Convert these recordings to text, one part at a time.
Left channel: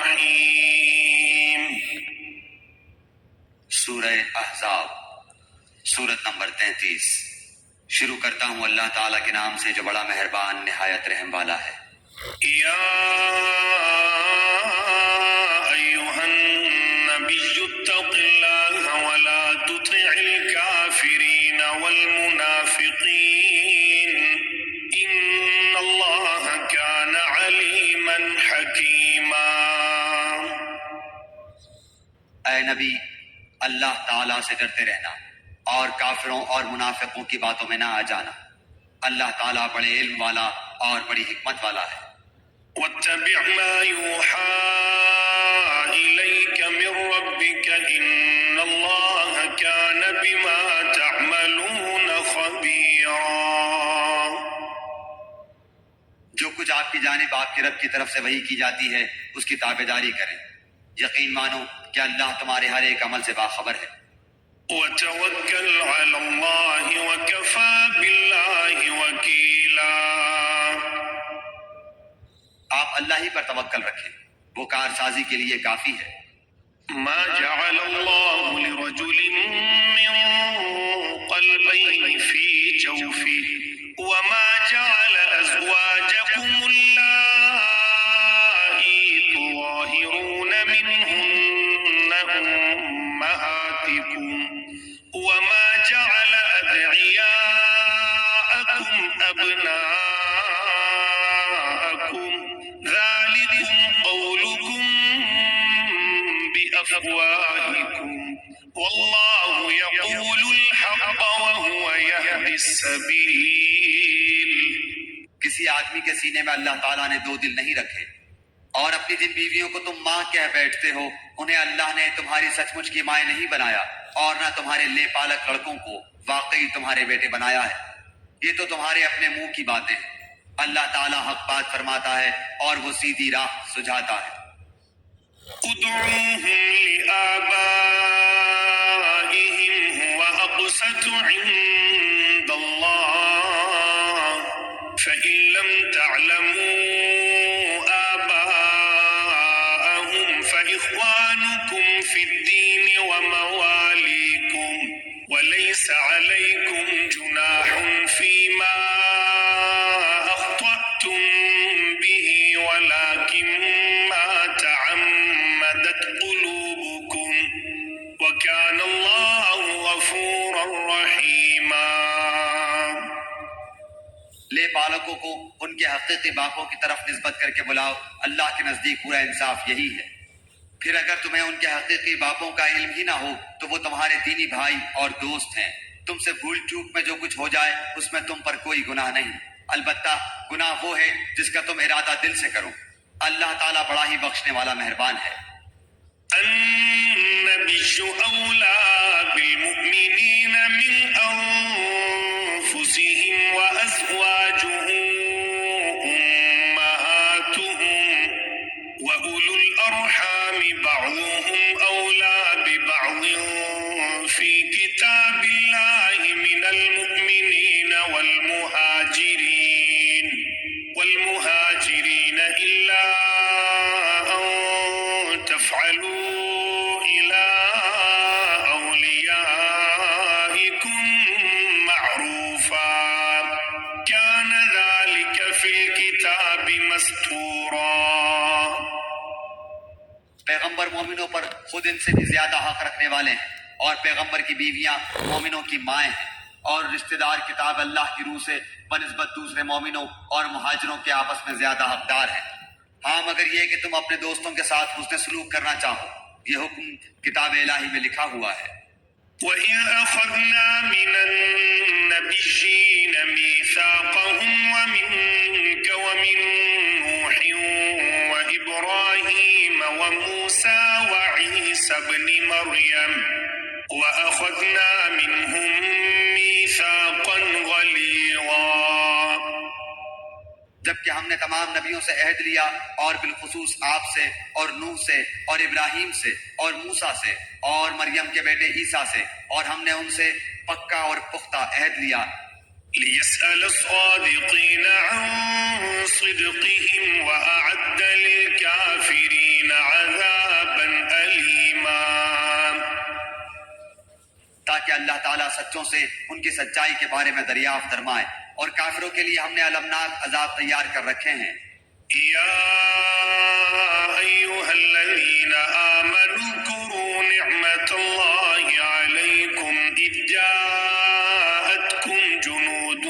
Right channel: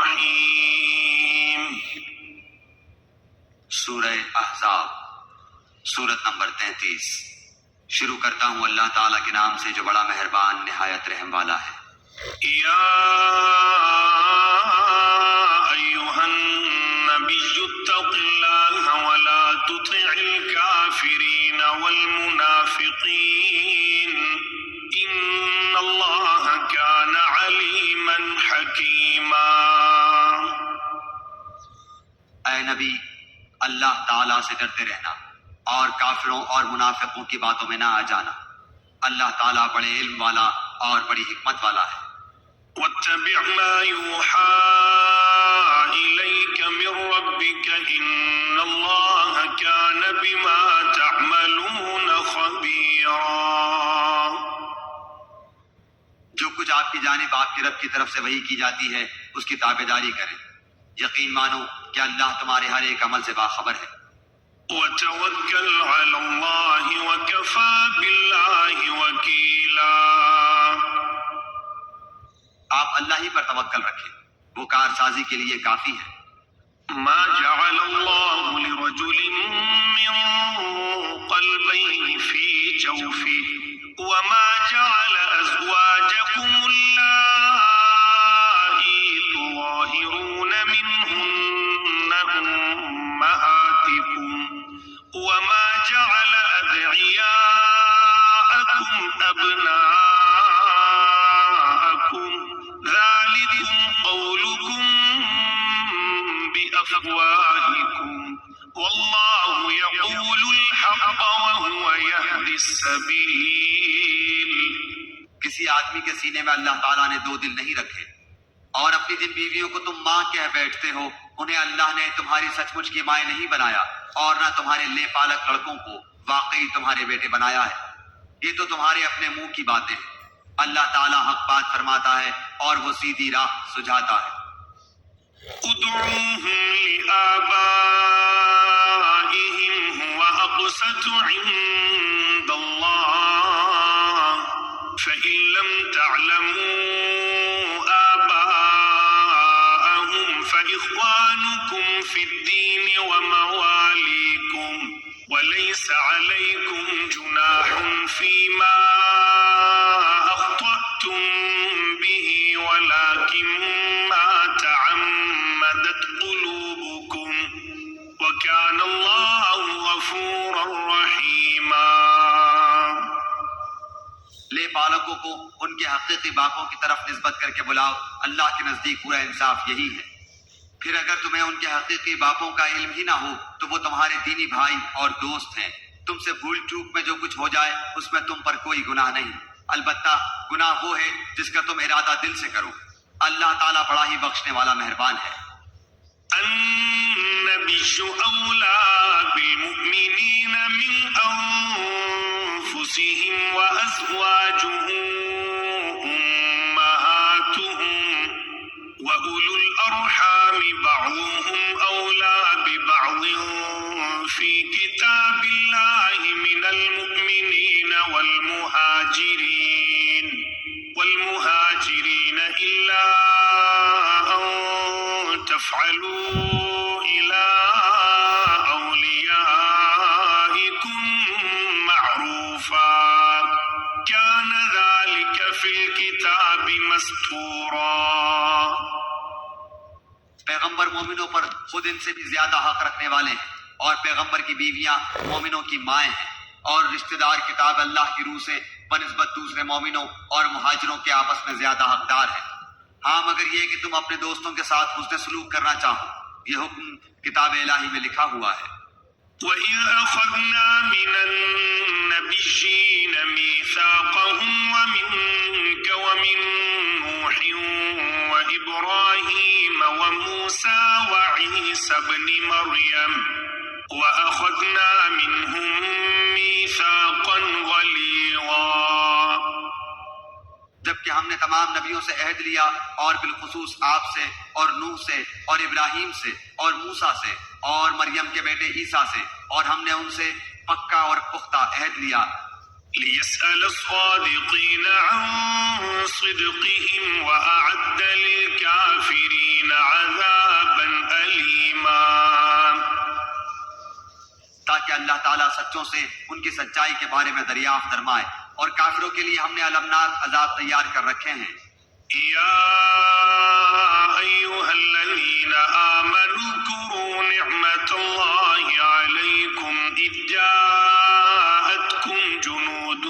الرحیم۔ سورہ احزاب سورت نمبر 33۔ شروع کرتا ہوں اللہ تعالیٰ کے نام سے جو بڑا مہربان نہایت رحم والا ہے۔ یا ایھا النبی اتق اللہ ولا تطع الکافرین والمنافقین ان اللہ کان علیما حکیما۔ اے نبی، اللہ تعالیٰ سے ڈرتے رہنا اور کافروں اور منافقوں کی باتوں میں نہ آ جانا۔ اللہ تعالیٰ بڑے علم والا اور بڑی حکمت والا ہے۔ واتبع ما يوحى إليك من ربك إن الله كان بما تعملون خبيرا۔ جو کچھ آپ کی جانب آپ کے رب کی طرف سے وحی کی جاتی ہے اس کی تابعداری کریں، یقین مانو کہ اللہ تمہارے ہر ایک عمل سے باخبر ہے۔ وتوکل علی اللہ وکفی باللہ وکیلا۔ آپ اللہ ہی پر توکل رکھیں، وہ کارسازی کے لیے کافی ہے۔ ما جعل اللہ لرجل من قلبین فی جوفہ وما جعل ازواجکم اللائی تظاہرون منہن امہاتکم وما جعل ادعیاءکم ابناءکم ذالکم قولکم بأفواہکم واللہ یقول الحق وہو یہدی السبیل۔ کسی آدمی کے سینے میں اللہ تعالیٰ نے دو دل نہیں رکھے، اور اپنی جن بیویوں کو تم ماں کہہ بیٹھتے ہو انہیں اللہ نے تمہاری سچ مچ کی مائیں نہیں بنایا، اور نہ تمہارے لے پالک لڑکوں کو واقعی تمہارے بیٹے بنایا ہے۔ یہ تو تمہارے اپنے منہ کی باتیں ہیں۔ اللہ تعالیٰ حق بات فرماتا ہے اور وہ سیدھی راہ سجھاتا ہے۔ ادعوهم لآبائهم هو أقسط عند الله فإن لم تعلموا آباءهم فإخوانكم في الدين ومواليكم وليس عليكم جناح فيما أخطأتم به ولكن ما تعمدت قلوبكم وكان الله غفورا رحيما۔ لے پالکوں کو ان کے حقیقی باپوں کی طرف نسبت کر کے بلاؤ، اللہ کے نزدیک پورا انصاف یہی ہے۔ پھر اگر تمہیں ان کے حقیقی باپوں کا علم ہی نہ ہو تو وہ تمہارے دینی بھائی اور دوست ہیں۔ تم سے بھول چوک میں جو کچھ ہو جائے اس میں تم پر کوئی گناہ نہیں، البتہ گناہ وہ ہے جس کا تم ارادہ دل سے کرو۔ اللہ تعالیٰ بڑا ہی بخشنے والا مہربان ہے۔ النبي أولى بالمؤمنين من أنفسهم وأزواجه أمهاتهم وأولو الأرحام بعضهم أولى ببعض في كتاب الله من المؤمنين والمهاجرين إلا أن تفعلوا إلى أوليائكم معروفا كان ذلك في الكتاب مسطورا۔ پیغمبر مومنوں پر خود ان سے بھی زیادہ حق رکھنے والے ہیں، اور پیغمبر کی بیویاں مومنوں کی مائیں ہیں، اور رشتہ دار کتاب اللہ کی روح سے بنسبت دوسرے مومنوں اور مہاجروں کے آپس میں زیادہ حقدار ہیں۔ ہاں مگر یہ کہ تم اپنے دوستوں کے ساتھ حسن سلوک کرنا چاہو، یہ حکم کتاب الہی میں لکھا ہوا ہے۔ وَإِذْ أَخَذْنَا مِنَ النَّبِيِّينَ مِيثَاقَهُمْ وَمِنكَ وَمِن نُوحٍ وَإِبْرَاهِيمَ وَمُوسَى وَعِيسَى ابْنِ مَرْيَمَ وَأَخَذْنَا مِنْهُم مِّيثَاقًا غَلِيظًا۔ جبکہ ہم نے تمام نبیوں سے عہد لیا، اور بالخصوص آپ سے اور نوح سے اور ابراہیم سے اور موسیٰ سے اور مریم کے بیٹے عیسیٰ سے، اور ہم نے ان سے پکا اور پختہ عہد لیا۔ لِيَسْأَلَ الصَّادِقِينَ عَن صِدْقِهِمْ وَأَعَدَّ لِلْكَافِرِينَ کہ اللہ تعالیٰ سچوں سے ان کی سچائی کے بارے میں دریافت فرمائے، اور کافروں کے لیے ہم نے المناک عذاب تیار کر رکھے ہیں۔ يا أيها الذين آمنوا اذكروا نعمة الله عليكم إذ جاءتكم جنود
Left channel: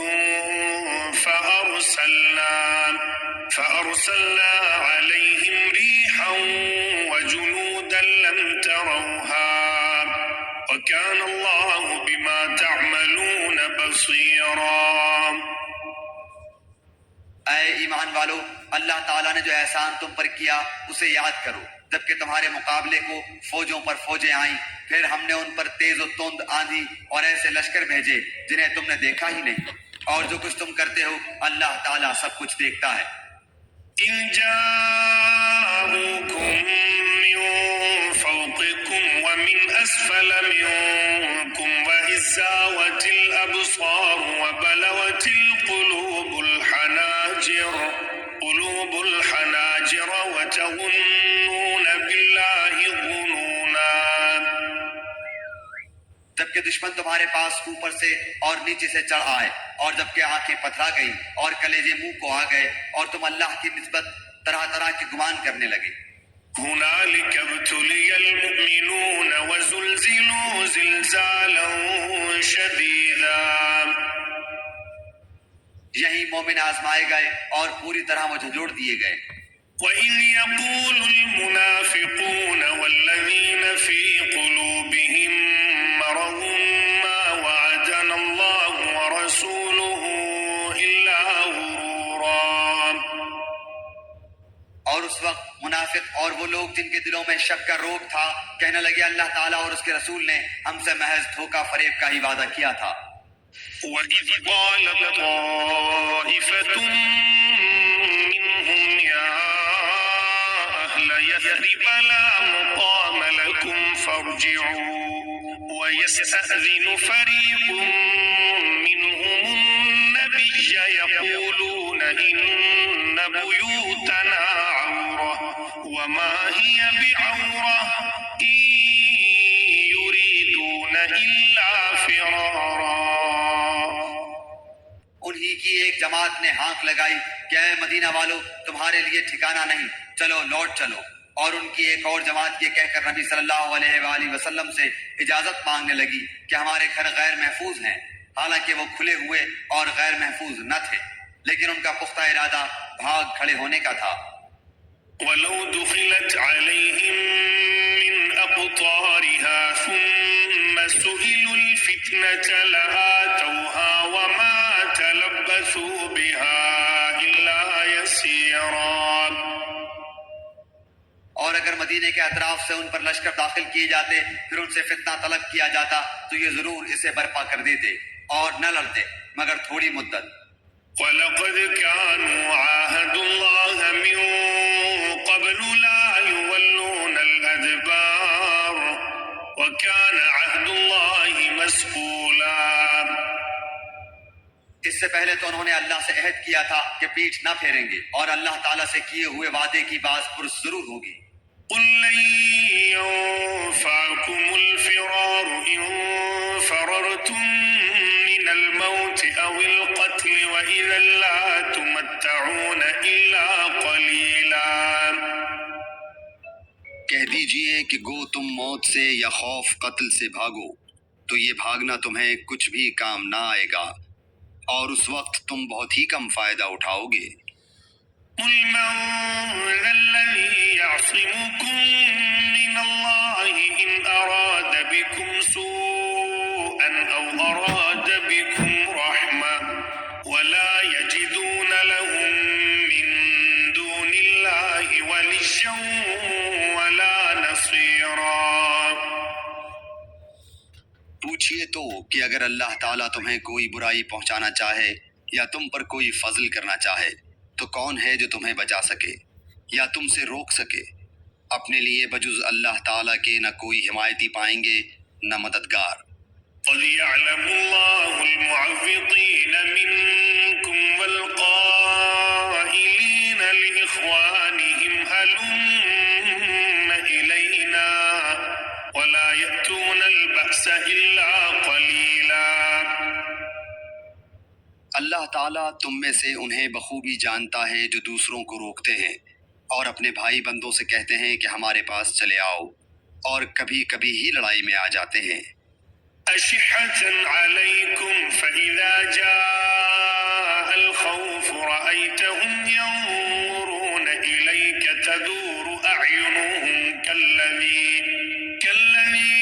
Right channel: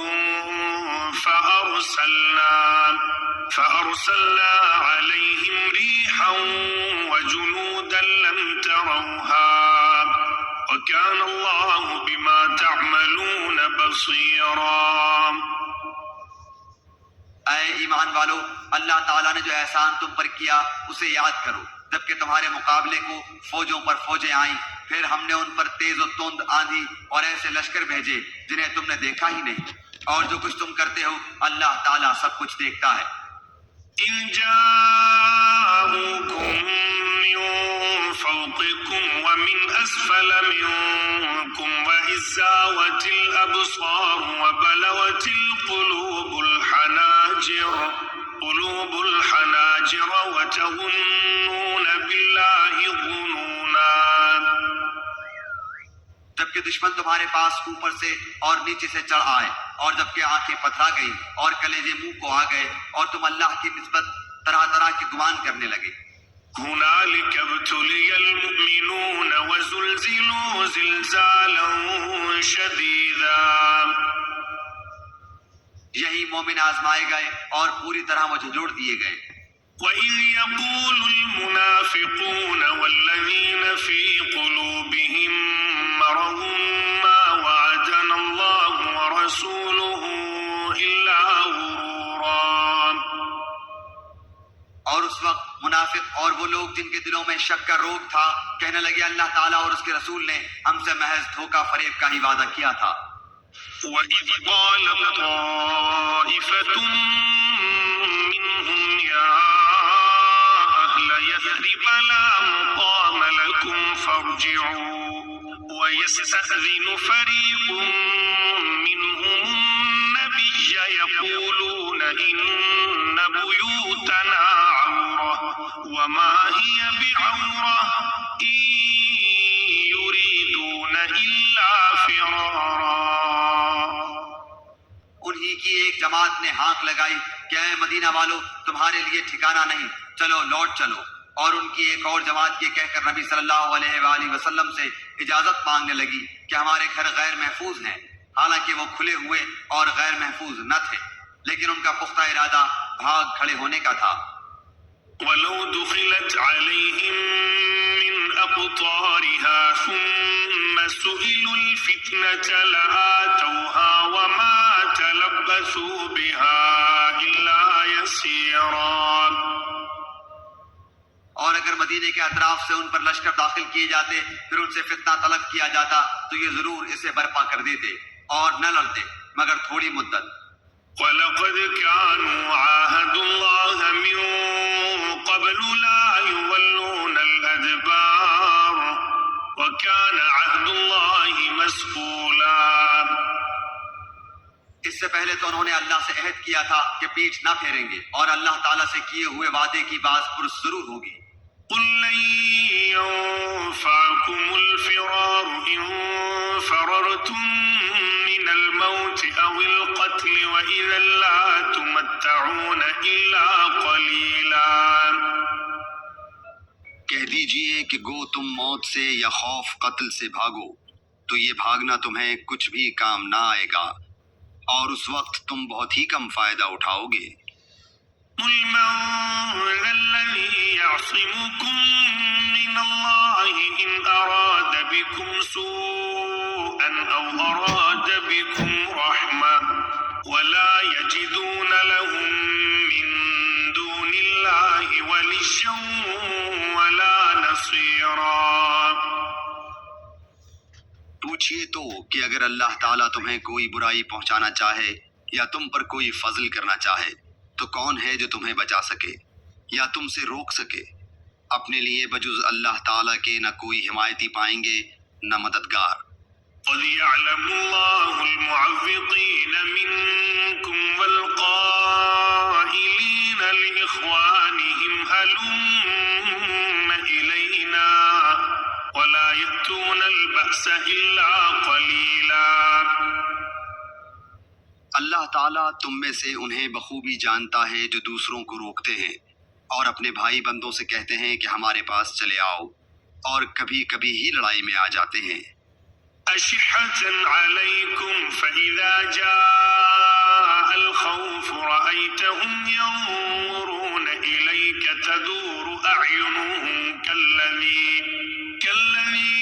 فأرسلنا عليهم ريحا وجنودا لم تروها وكان الله بما تعملون بصيرا۔ اے ایمان والو، اللہ تعالیٰ نے جو احسان تم پر کیا اسے یاد کرو، جبکہ تمہارے مقابلے کو فوجوں پر فوجیں آئیں، پھر ہم نے ان پر تیز و تند آندھی اور ایسے لشکر بھیجے جنہیں تم نے دیکھا ہی نہیں، اور جو کچھ تم کرتے ہو اللہ تعالیٰ سب کچھ دیکھتا ہے۔ إِذْ جَاءُوكُم مِّن فَوْقِكُمْ وَمِنْ أَسْفَلَ مِنكُمْ وَإِذْ زَاغَتِ الْأَبْصَارُ وَبَلَغَتِ الْقُلُوبُ الْحَنَاجِرَ وَتَظُنُّونَ بِاللَّهِ الظُّنُونَا۔ جبکہ دشمن تمہارے پاس اوپر سے اور نیچے سے چڑھ آئے، اور جبکہ آنکھیں پتھرا گئی اور کلیجے منہ کو آ گئے، اور تم اللہ کی نسبت طرح طرح کے گمان کرنے لگے۔ هنالك ابتلي المؤمنون وزلزلوا زلزالا شديدا۔ یہی مومن آزمائے گئے اور پوری طرح وہ جھنجھوڑ دیے گئے۔ وَإِذْ يَقُولُ الْمُنَافِقُونَ وَالَّذِينَ فِي قُلُوبِهِم مَّرَضٌ مَّا وَعَدَنَا اللَّهُ وَرَسُولُهُ إِلَّا غُرُورًا۔ اور اس وقت منافق اور وہ لوگ جن کے دلوں میں شک کا روگ تھا کہنے لگے اللہ تعالیٰ اور اس کے رسول نے ہم سے محض دھوکہ فریب کا ہی وعدہ کیا تھا۔ وَإِذْ قَالَتْ طَائِفَةٌ مِّنْهُمْ يَا أَهْلَ يَثْرِبَ لَا مُقَامَ لَكُمْ فَارْجِعُوا وَيَسْتَأْذِنُ فَرِيقٌ مِّنْهُمُ النَّبِيَّ يَقُولُونَ إِنَّ بُيُوتَنَا عَوْرَةٌ وَمَا هِيَ بِعَوْرَةٍ إِن يُرِيدُونَ إِلَّا فِرَارًا۔ انہی کی ایک جماعت نے ہانک لگائی کہ اے مدینہ والو، تمہارے لیے ٹھکانہ نہیں، چلو لوٹ چلو، اور ان کی ایک اور جماعت یہ کہہ کر نبی صلی اللہ علیہ وآلہ وسلم سے اجازت مانگنے لگی کہ ہمارے گھر غیر محفوظ ہیں، حالانکہ وہ کھلے ہوئے اور غیر محفوظ نہ تھے، لیکن ان کا پختہ ارادہ بھاگ کھڑے ہونے کا تھا۔ وَلَوْ دُخِلَتْ عَلَيْهِمْ مِنْ أَقْطَارِهَا ثُمَّ سُئِلُوا الْفِتْنَةَ لَآتَوْهَا وَمَا تَلَبَّثُوا بِهَا إِلَّا يَسِيرًا۔ اور اگر مدینے کے اطراف سے ان پر لشکر داخل کیے جاتے پھر ان سے فتنہ طلب کیا جاتا تو یہ ضرور اسے برپا کر دیتے اور نہ لڑتے مگر تھوڑی مدت۔ وَلَقَدْ كَانُوا عَاهَدُوا اللَّهَ مِن قَبْلُ لَا يُوَلُّونَ الْأَدْبَارَ وَكَانَ عَهْدُ اللَّهِ مَسْئُولًا۔ اس سے پہلے تو انہوں نے اللہ سے عہد کیا تھا کہ پیٹھ نہ پھیریں گے، اور اللہ تعالیٰ سے کیے ہوئے وعدے کی باز پرس ضرور ہوگی۔ قُل لَّن يَنفَعَكُمُ الْفِرَارُ إِن فَرَرْتُم مِّنَ الْمَوْتِ أَوِ الْقَتْلِ وَإِذًا لَّا تُمَتَّعُونَ إِلَّا قَلِيلًا۔ کہہ دیجئے کہ گو تم موت سے یا خوف قتل سے بھاگو تو یہ بھاگنا تمہیں کچھ بھی کام نہ آئے گا، اور اس وقت تم بہت ہی کم فائدہ اٹھاؤ گے۔ قُلْ مَن ذَا الَّذِي يَعْصِمُكُم مِّنَ اللَّهِ إِنْ أَرَادَ بِكُمْ سُوءًا أَوْ أَرَادَ بِكُمْ رَحْمَةً وَلَا يَجِدُونَ لَهُم مِّن دُونِ اللَّهِ وَلِيًّا وَلَا نَصِيرًا۔ پوچھئے تو کہ اگر اللہ تعالیٰ تمہیں کوئی برائی پہنچانا چاہے یا تم پر کوئی فضل کرنا چاہے تو کون ہے جو تمہیں بچا سکے یا تم سے روک سکے؟ اپنے لیے بجز اللہ تعالیٰ کے نہ کوئی حمایتی پائیں گے نہ مددگار۔ قَدْ يَعْلَمُ اللَّهُ الْمُعَوِّقِينَ مِنكُمْ وَالْقَائِلِينَ لِإِخْوَانِهِمْ هَلُمَّ إِلَيْنَا وَلَا يَأْتُونَ الْبَأْسَ النَّاسَ إِلَّا قَلِيلًا. اللہ تعالیٰ تم میں سے انہیں بخوبی جانتا ہے جو دوسروں کو روکتے ہیں اور اپنے بھائی بندوں سے کہتے ہیں کہ ہمارے پاس چلے آؤ، اور کبھی کبھی ہی لڑائی میں آ جاتے ہیں۔ أَشِحَّةً عَلَيْكُمْ فَإِذَا جَاءَ الْخَوْفُ رَأَيْتَهُمْ يَنظُرُونَ إِلَيْكَ تَدُورُ أَعْيُنُهُمْ كَالَّذِي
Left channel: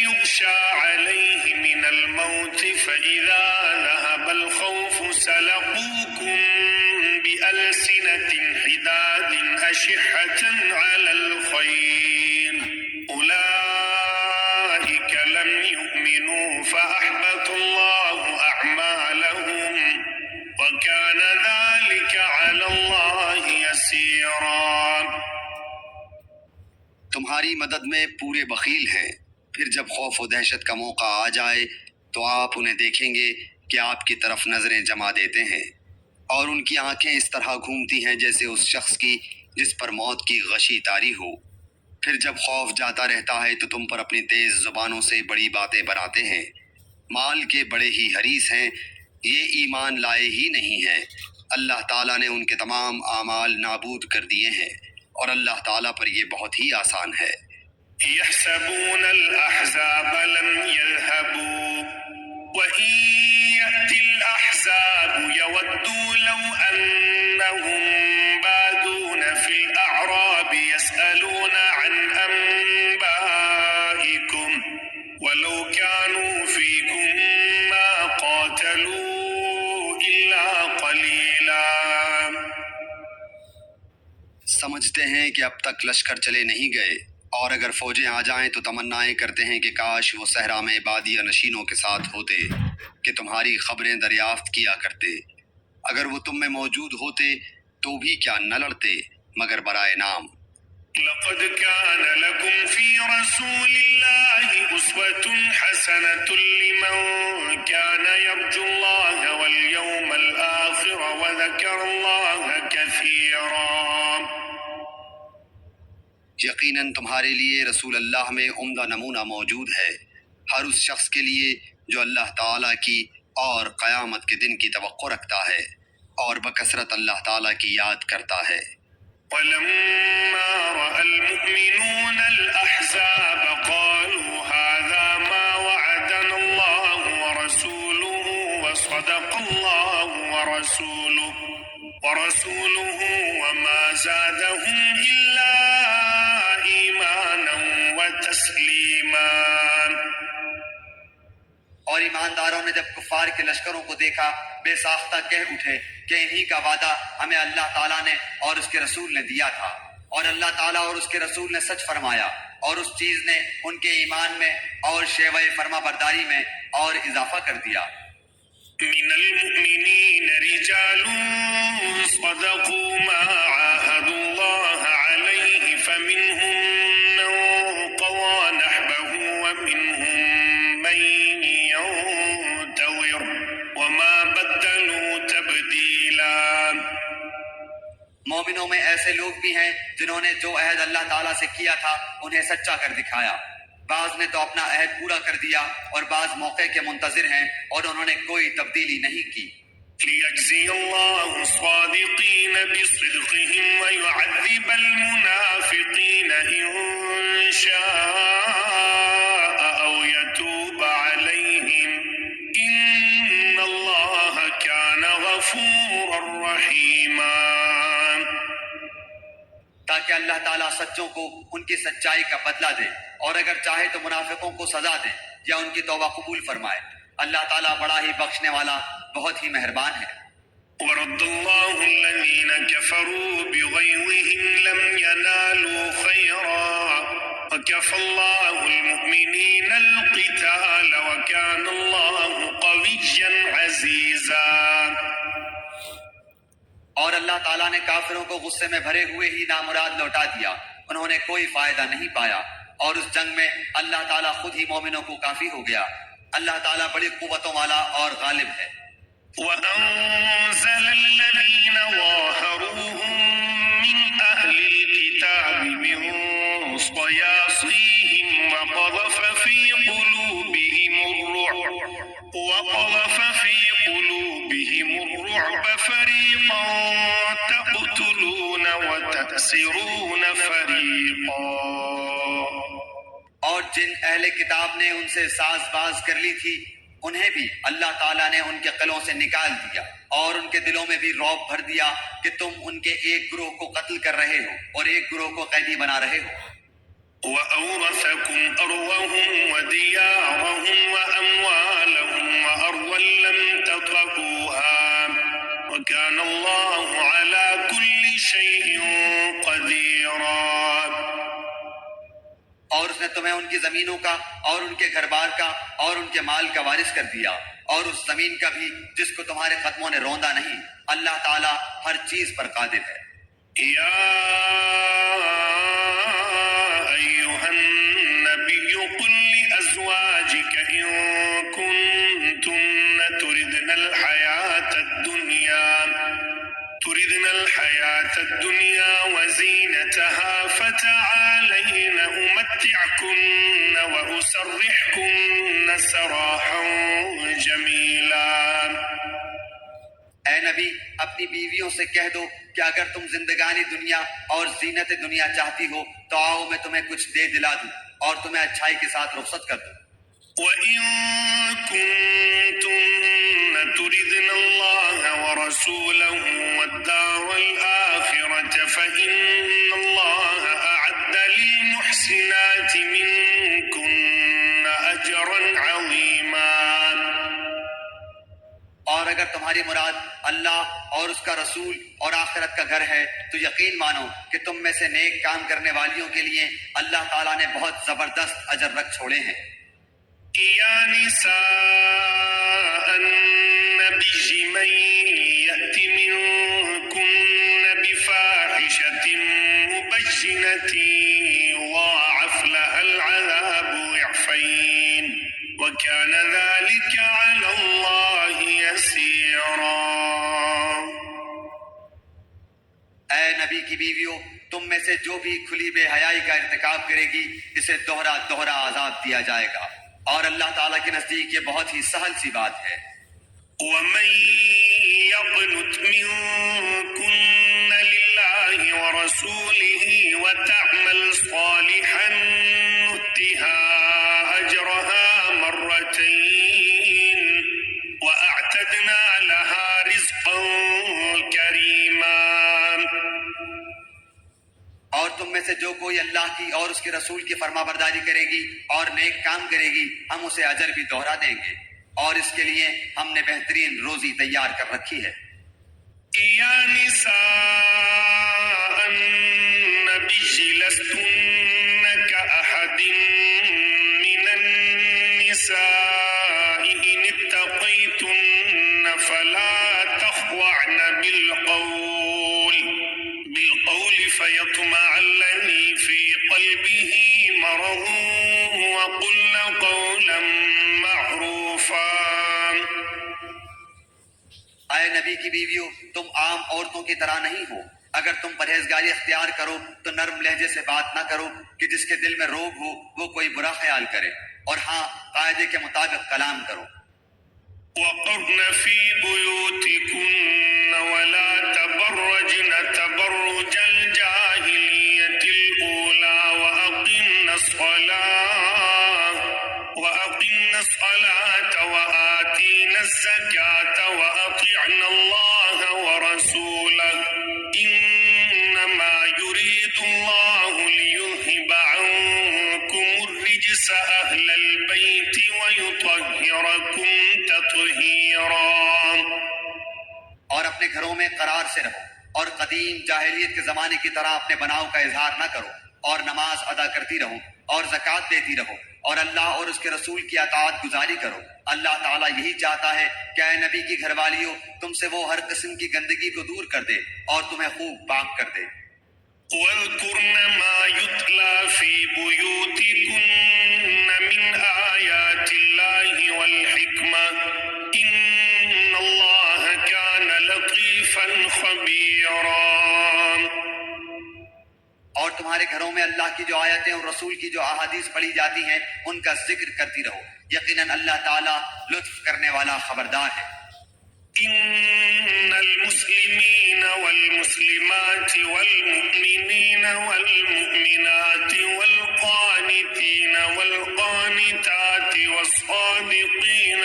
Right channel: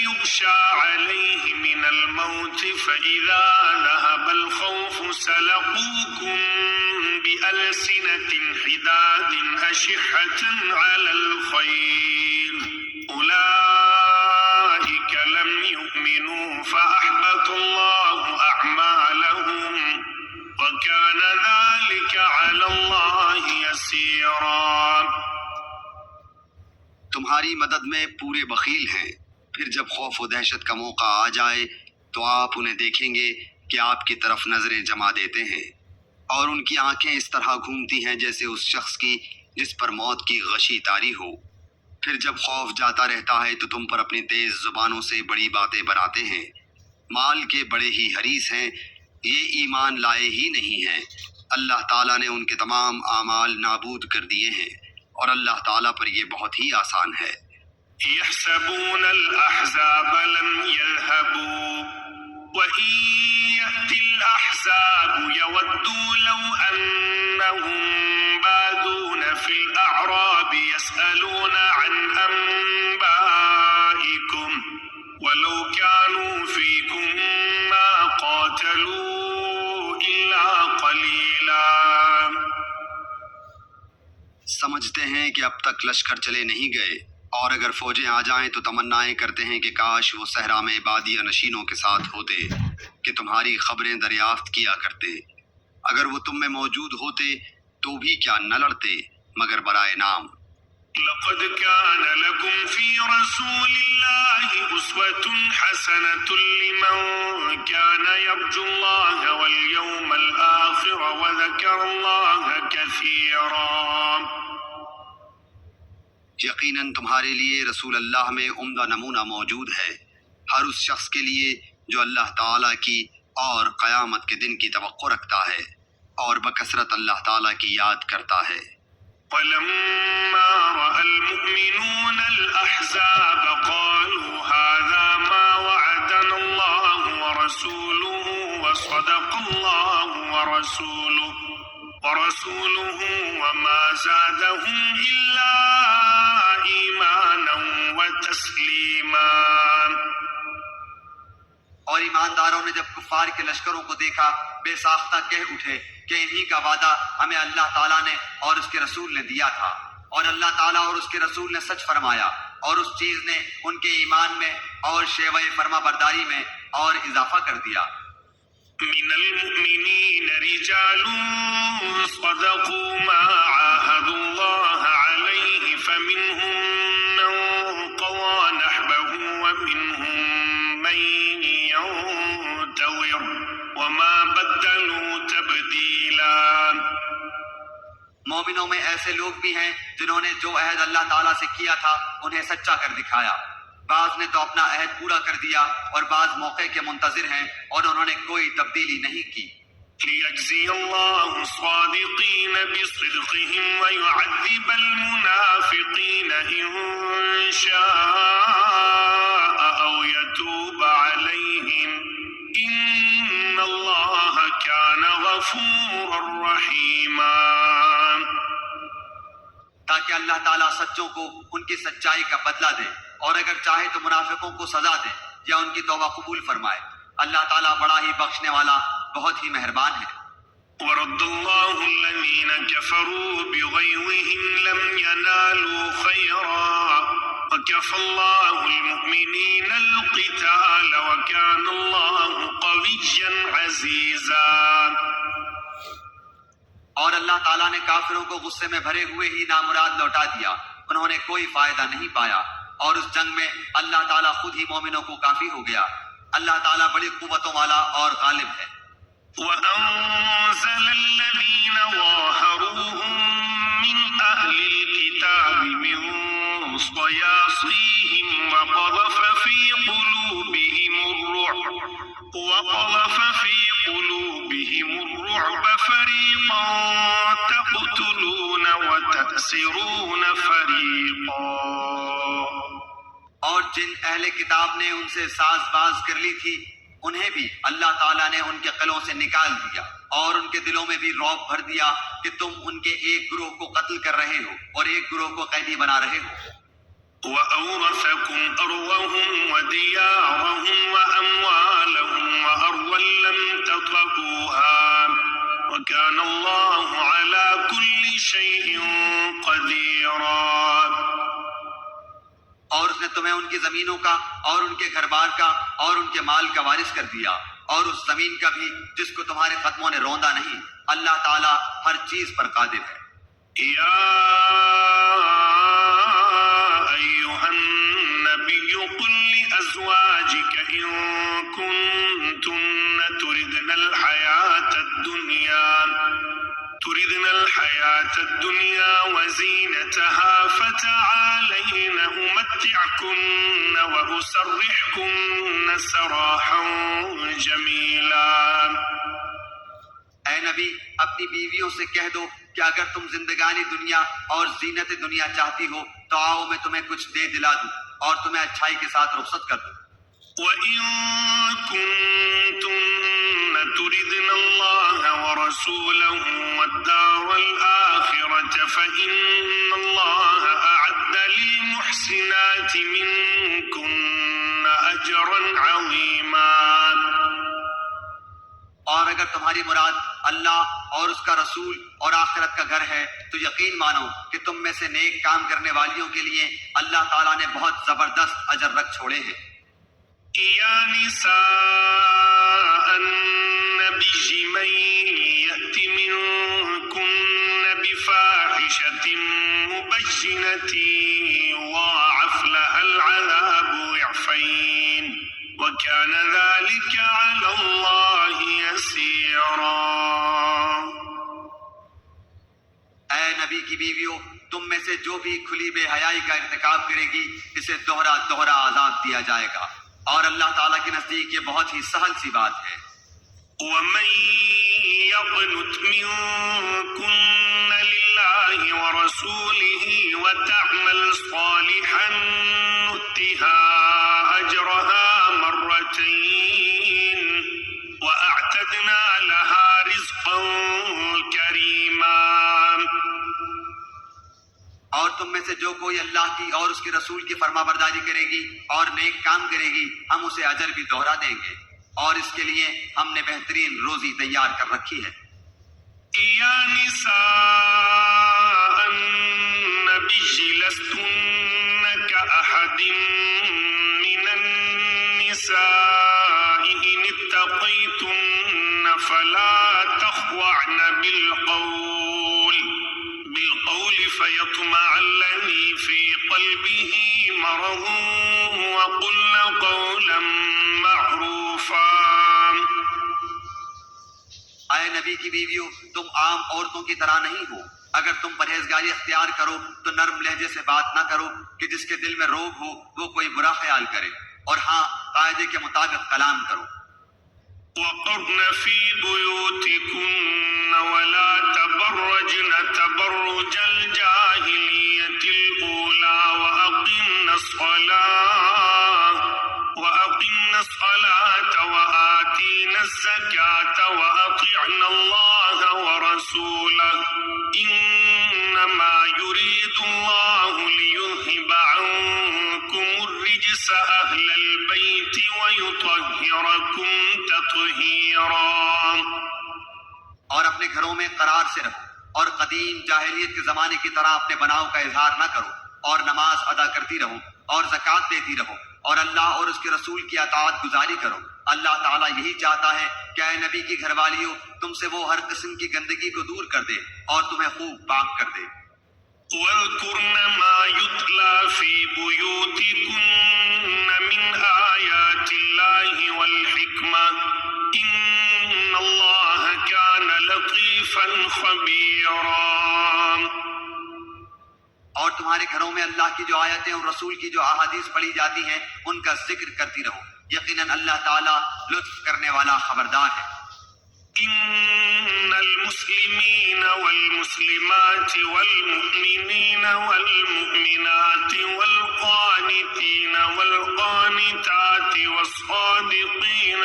يُغْشَىٰ عَلَيْهِ مِنَ الْمَوْتِ فَإِذَا ذَهَبَ الْخَوْفُ سَلَقُوكُم بِأَلْسِنَةٍ حِدَادٍ أَشِحَّةً عَلَى الْخَيْرِ أُولَٰئِكَ لَمْ يُؤْمِنُوا فَأَحْبَطَ اللَّهُ أَعْمَالَهُمْ وَكَانَ ذَلِكَ عَلَى اللَّهِ يَسِيرًا. تمہاری مدد میں پورے بخیل ہیں، پھر جب خوف و دہشت کا موقع آ جائے تو آپ انہیں دیکھیں گے کہ آپ کی طرف نظریں جما دیتے ہیں، اور ان کی آنکھیں اس طرح گھومتی ہیں جیسے اس شخص کی جس پر موت کی غشی طاری ہو۔ پھر جب خوف جاتا رہتا ہے تو تم پر اپنی تیز زبانوں سے بڑی باتیں بناتے ہیں، مال کے بڑے ہی حریص ہیں، یہ ایمان لائے ہی نہیں ہیں۔ اللہ تعالیٰ نے ان کے تمام اعمال نابود کر دیے ہیں، اور اللہ تعالیٰ پر یہ بہت ہی آسان ہے۔ يحسبون الأحزاب لم يذهبوا وإن يأتي الأحزاب يودوا لو أنهم بادون في الأعراب يسألون عن أنبائكم ولو كانوا فيكم ما قاتلوا إلا قليلا. سمجھتے ہیں کہ اب تک لشکر چلے نہیں گئے، اور اگر فوجیں آ جائیں تو تمنائیں کرتے ہیں کہ کاش وہ صحرا میں بادیہ نشینوں کے ساتھ ہوتے کہ تمہاری خبریں دریافت کیا کرتے۔ اگر وہ تم میں موجود ہوتے تو بھی کیا نہ لڑتے مگر برائے نام۔ لقد كان لكم في رسول الله أسوة حسنة لمن كان يرجو الله واليوم الآخر وذكر الله كثيرا. یقیناً تمہارے لیے رسول اللہ میں عمدہ نمونہ موجود ہے، ہر اس شخص کے لیے جو اللہ تعالیٰ کی اور قیامت کے دن کی توقع رکھتا ہے اور بکثرت اللہ تعالیٰ کی یاد کرتا ہے۔ ولما رأى المؤمنون الأحزاب قالوا هذا ما وعدنا الله ورسوله وصدق الله ورسوله وما زادهم إلا إيمانا وتسليما. اور ایمانداروں نے جب کفار کے لشکروں کو دیکھا بے ساختہ کہہ اٹھے کہ انہی کا وعدہ ہمیں اللہ تعالیٰ نے اور اس کے رسول نے دیا تھا، اور اللہ تعالیٰ اور اس کے رسول نے سچ فرمایا، اور اس چیز نے ان کے ایمان میں اور شیوہ فرما برداری میں اور اضافہ کر دیا۔ من المؤمنين رجال صدقوا ما عاهدوا الله عليه فمنهم من قضى نحبه ومنهم من ينتظر وما بدلوا تبديلا. مومنوں میں ایسے لوگ بھی ہیں جنہوں نے جو عہد اللہ تعالیٰ سے کیا تھا انہیں سچا کر دکھایا، بعض نے تو اپنا عہد پورا کر دیا اور بعض موقع کے منتظر ہیں اور انہوں نے کوئی تبدیلی نہیں کی۔ ليجزي الله الصادقين بصدقهم ويعذب المنافقين إن شاء أو يتوب عليهم إن الله كان غفورا رحيما. تاکہ اللہ تعالیٰ سچوں کو ان کی سچائی کا بدلہ دے، اور اگر چاہے تو منافقوں کو سزا دے یا ان کی توبہ قبول فرمائے۔ اللہ تعالیٰ بڑا ہی بخشنے والا بہت ہی مہربان ہے۔ ورد الله الذين كفروا بغيظهم لم ينالوا خيرا وكفى الله المؤمنين القتال وكان الله قويا عزيزا. اور اللہ تعالیٰ نے کافروں کو غصے میں بھرے ہوئے ہی نامراد لوٹا دیا، انہوں نے کوئی فائدہ نہیں پایا، اور اس جنگ میں اللہ تعالیٰ خود ہی مومنوں کو کافی ہو گیا۔ اللہ تعالیٰ بڑی قوتوں والا اور غالب ہے۔ وأنزل الذين ظاهروهم من أهل الكتاب من صياصيهم وقذف في قلوبهم الرعب فريقا تقتلون وتأسرون فريقا. اور جن اہل کتاب نے ان سے ساز باز کر لی تھی انہیں بھی اللہ تعالیٰ نے ان کے قلوں سے نکال دیا اور ان کے دلوں میں بھی رعب بھر دیا کہ تم ان کے ایک گروہ کو قتل کر رہے ہو اور ایک گروہ کو قیدی بنا رہے ہو. وَأَوْرَثَكُمْ أَرْضَهُمْ وَدِيَارَهُمْ وَأَمْوَالَهُمْ وَأَرْضًا لَّمْ تَطَئُوهَا وَكَانَ اللَّهُ عَلَى كُلِّ شَيْءٍ قَدِيرًا. اور اس نے تمہیں ان کی زمینوں کا اور ان کے گھر بار کا اور ان کے مال کا وارث کر دیا اور اس زمین کا بھی جس کو تمہارے قدموں نے روندا نہیں. اللہ تعالیٰ ہر چیز پر قادر ہے. يا أيها النبي قل لأزواجك إن كنتن تردن الحياة الدنيا وزينتها فتعالين أمتعكن وأسرحكن سراحا جميلا. اے نبی اپنی بیویوں سے کہہ دو کہ اگر تم زندگانی دنیا اور زینت دنیا چاہتی ہو تو آؤ میں تمہیں کچھ دے دلا دوں اور تمہیں اچھائی کے ساتھ رخصت کر دوں. وَإِن كُنتُنَّ تُرِدْنَ اللَّهَ وَرَسُولَهُ وَالدَّارَ الْآخِرَةَ فَإِنَّ اللَّهَ أَعَدَّ لِلْمُحْسِنَاتِ مِنكُنَّ أَجْرًا عَظِيمًا. اور اگر تمہاری مراد اللہ اور اس کا رسول اور آخرت کا گھر ہے تو یقین مانو کہ تم میں سے نیک کام کرنے والیوں کے لیے اللہ تعالیٰ نے بہت زبردست اجر رکھ چھوڑے ہیں. يا نساء النبي من يأت منكن بفاحشة مبينة يضاعف لها العذاب ضعفين وكان ذلك على الله يسيرا. اے نبی کی بیویوں تم میں سے جو بھی کھلی بے حیائی کا ارتکاب کرے گی اسے دوہرا دوہرا عذاب دیا جائے گا اور اللہ تعالیٰ کے نزدیک یہ بہت ہی سہل سی بات ہے. ومن يقنت منكن لله ورسوله وتعمل صالحا نؤتها أجرها مرتين وأعتدنا لها رزقا كريما. اور تم میں سے جو کوئی اللہ کی اور اس کے رسول کی فرما برداری کرے گی اور نیک کام کرے گی ہم اسے اجر بھی دوہرا دیں گے اور اس کے لیے ہم نے بہترین روزی تیار کر رکھی ہے. يا نساء النبي لستن كأحد من النساء إن اتقيتن فلا تخضعن بالقول فيطمع الذي في قلبه مرض وقلن قولا معروفا. اے نبی کی بیویوں تم عام عورتوں کی طرح نہیں ہو. اگر تم پرہیزگاری اختیار کرو تو نرم لہجے سے بات نہ کرو کہ جس کے دل میں روگ ہو وہ کوئی برا خیال کرے اور ہاں قاعدے کے مطابق کلام کرو. وقرن في بيوتكن ولا تبرجن تبرج الجاهلية الأولى وأقمن الصلاة وآتينا الزكاة وأطعن الله ورسوله إنما يريد الله ليذهب عنكم الرجس أهل البيت ويطهركم تطهيرا. اور اپنے گھروں میں قرار سے رہو اور قدیم جاہلیت کے زمانے کی طرح اپنے بناؤ کا اظہار نہ کرو اور نماز ادا کرتی رہو اور زکوٰۃ دیتی رہو اور اللہ اور اس کے رسول کی اطاعت گزاری کرو. اللہ تعالیٰ یہی چاہتا ہے کہ اے نبی کی گھر والیوں تم سے وہ ہر قسم کی گندگی کو دور کر دے اور تمہیں خوب پاک کر دے. وَاذْكُرْنَ مَا يُتْلَى فِي بُيُوتِكُنَّ مِنْ آيَاتِ اللَّهِ وَالْحِكْمَةِ إِنَّ اللَّهَ كَانَ لَطِيفًا خَبِيرًا. اور تمہارے گھروں میں اللہ کی جو آیتیں اور رسول کی جو احادیث پڑھی جاتی ہیں ان کا ذکر کرتی رہو، یقیناً اللہ تعالیٰ لطف کرنے والا خبردار ہے۔ إن المسلمين والمسلمات والمؤمنين والمؤمنات والقانتين والقانتات والصادقين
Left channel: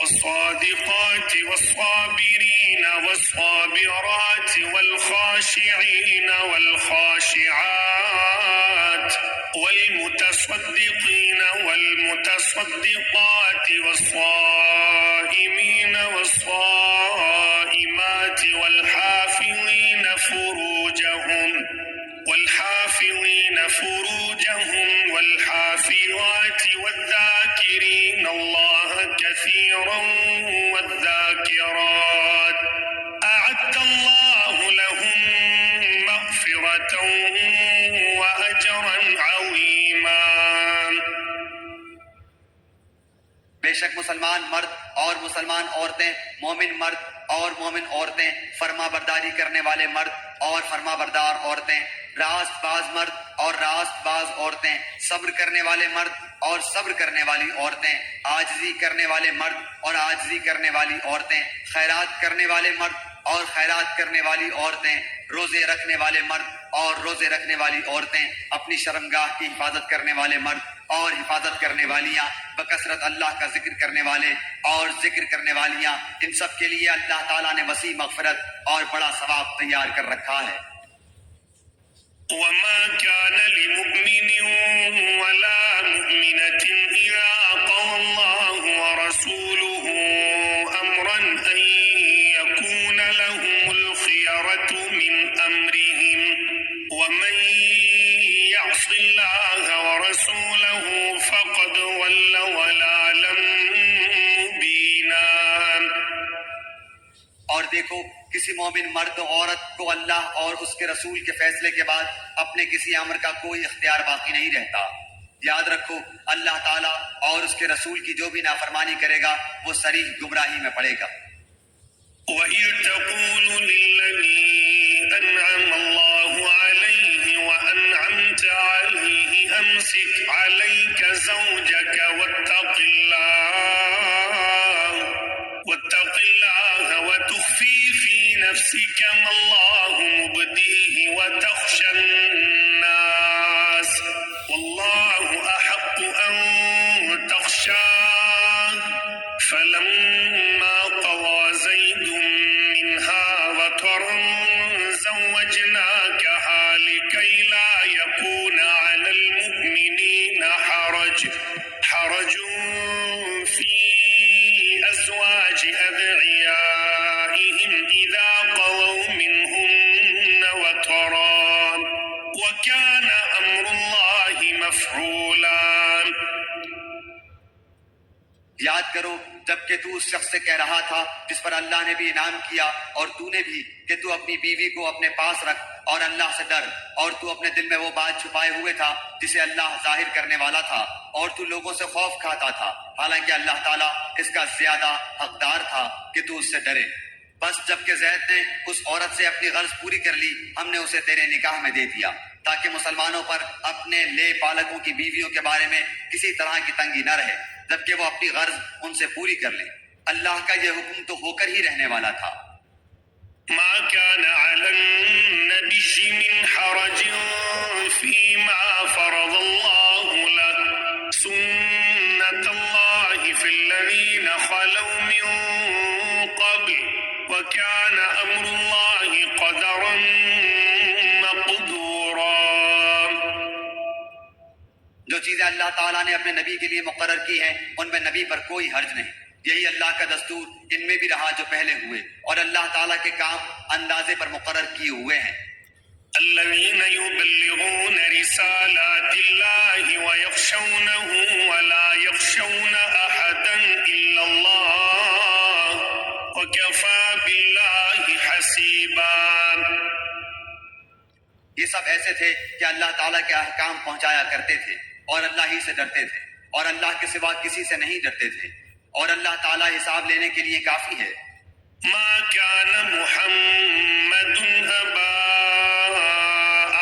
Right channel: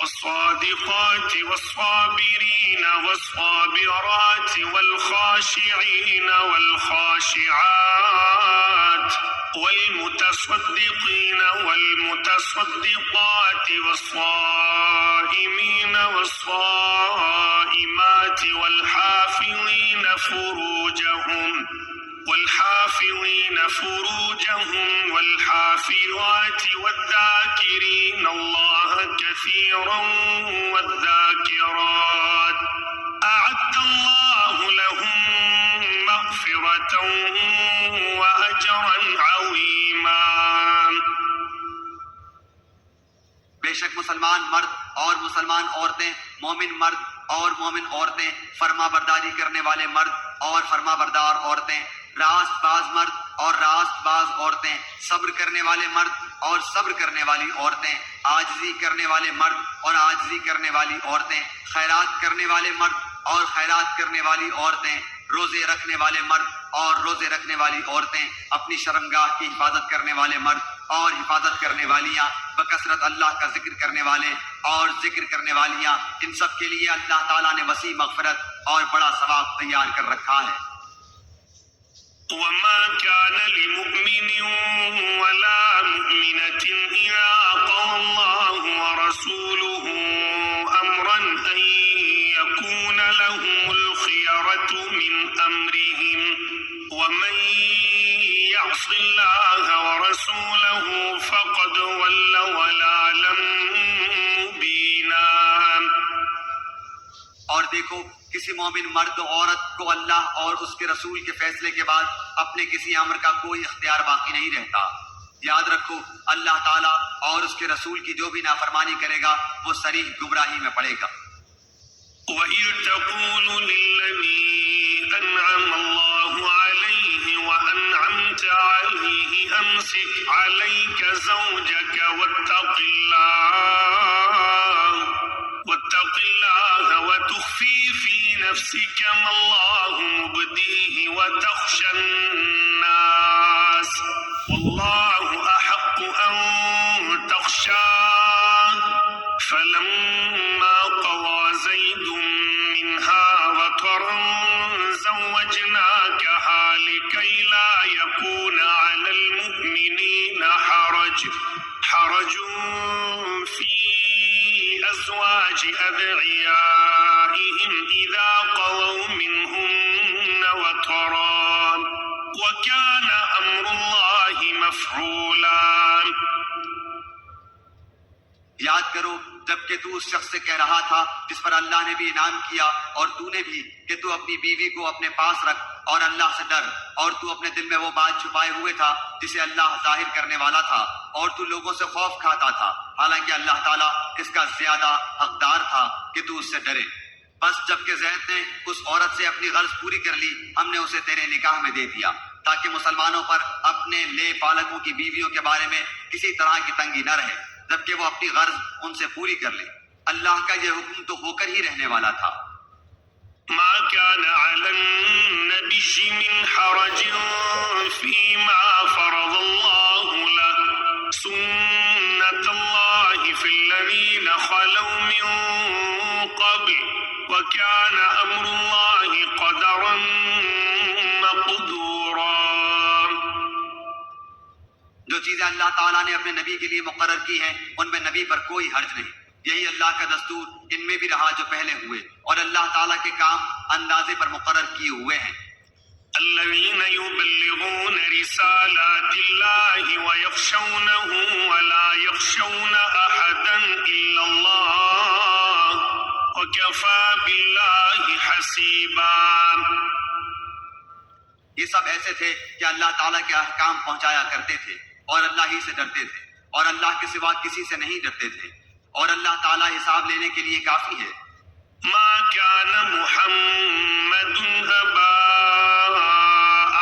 والصادقات والصابرين والصابرات والخاشعين والخاشعات والمتصدقين والمتصدقات والصائمين والصائمات والحافظين فروجهم والحافظات والذاكرين الله كثيرا والذاكرات أعد الله لهم مغفرة وأجرا عظيما۔ بے شک مسلمان مرد اور مسلمان عورتیں، مومن مرد اور مومن عورتیں، فرما برداری کرنے والے مرد اور فرما بردار عورتیں، راست باز مرد اور راست باز عورتیں، صبر کرنے والے مرد اور صبر کرنے والی عورتیں، عاجزی کرنے والے مرد اور عاجزی کرنے والی عورتیں، خیرات کرنے والے مرد اور خیرات کرنے والی عورتیں، روزے رکھنے والے مرد اور روزے رکھنے والی عورتیں، اپنی شرمگاہ کی حفاظت کرنے والے مرد اور حفاظت کرنے والیاں، بکثرت اللہ کا ذکر کرنے والے اور ذکر کرنے والیاں، ان سب کے لیے اللہ تعالیٰ نے وسیع مغفرت اور بڑا ثواب تیار کر رکھا ہے۔ وما كان لمؤمن ولا مؤمنة إذا قضى الله ورسوله أمرا أن يكون لهم الخيرة من أمرهم ومن يعص الله ورسوله فقد ضل ضلالا مبينا۔ اور دیکھو کسی مومن مرد و عورت کو اللہ اور اس کے رسول کے فیصلے کے بعد اپنے کسی امر کا کوئی اختیار باقی نہیں رہتا۔ یاد رکھو اللہ تعالیٰ اور اس کے رسول کی جو بھی نافرمانی کرے گا وہ صریح گمراہی میں پڑے گا۔ وَإِذْ تَقُولُ لِلَّذِي أَنْعَمَ اللَّهُ عَلَيْهِ وَأَنْعَمْتَ عَلَيْهِ أَمْسِكْ عَلَيْكَ زَوْجَكَ وَاتَّقِ اللَّهَ وَتُخْفِي فِي نَفْسِكَ مَا اللَّهُ مُبْدِيهِ وَتَخْشَى النَّاسَ وَاللَّهُ أَحَقُّ أَن تَخْشَاهُ فَلَمَّا قَضَى زَيْدٌ مِّنْهَا وَطَرًا زَوَّجْنَاكَهَا لِكَيْ لَا يَكُونَ عَلَى الْمُؤْمِنِينَ حَرَجٌ فِي أَزْوَاجِ أَدْعِيَائِهِمْ إِذَا قَضَوْا مِنْهُنَّ وَطَرًا وَكَانَ أَمْرُ اللَّهِ مَفْعُولًا۔ یاد کرو جبکہ تو اس شخص سے کہہ رہا تھا جس پر اللہ نے بھی انعام کیا اور تو نے بھی کہ تو اپنی بیوی کو اپنے پاس رکھ اور اللہ سے ڈر، اور تو اپنے دل میں وہ بات چھپائے ہوئے تھا جسے اللہ ظاہر کرنے والا تھا، اور تو لوگوں سے خوف کھاتا تھا، حالانکہ اللہ تعالیٰ اس کا زیادہ حقدار تھا کہ تو اس سے ڈرے۔ بس جبکہ زید نے اس عورت سے اپنی غرض پوری کر لی، ہم نے اسے تیرے نکاح میں دے دیا تاکہ مسلمانوں پر اپنے لے پالکوں کی بیویوں کے بارے میں کسی طرح کی تنگی نہ رہے، جبکہ وہ اپنی غرض ان سے پوری کر لیں۔ اللہ کا یہ حکم تو ہو کر ہی رہنے والا تھا۔ ما كان على النبي من حرج فيما فرض الله له سنة الله في الذين خلوا من قبل وكان أمر الله قدرا مقدورا۔ جو چیزیں اللہ تعالیٰ نے اپنے نبی کے لیے مقرر کی ہیں ان میں نبی پر کوئی حرج نہیں، یہی اللہ کا دستور ان میں بھی رہا جو پہلے ہوئے، اور اللہ تعالیٰ کے کام اندازے پر مقرر کیے ہوئے ہیں۔ الذين يبلغون رسالات الله ويخشونه ولا يخشون أحدا إلا الله وكفى بالله حسيبا۔ یہ سب ایسے تھے کہ اللہ تعالیٰ کے احکام پہنچایا کرتے تھے اور اللہ ہی سے ڈرتے تھے، اور اللہ کے سوا کسی سے نہیں ڈرتے تھے، اور اللہ تعالیٰ حساب لینے کے لیے کافی ہے۔ ما كان محمد أبا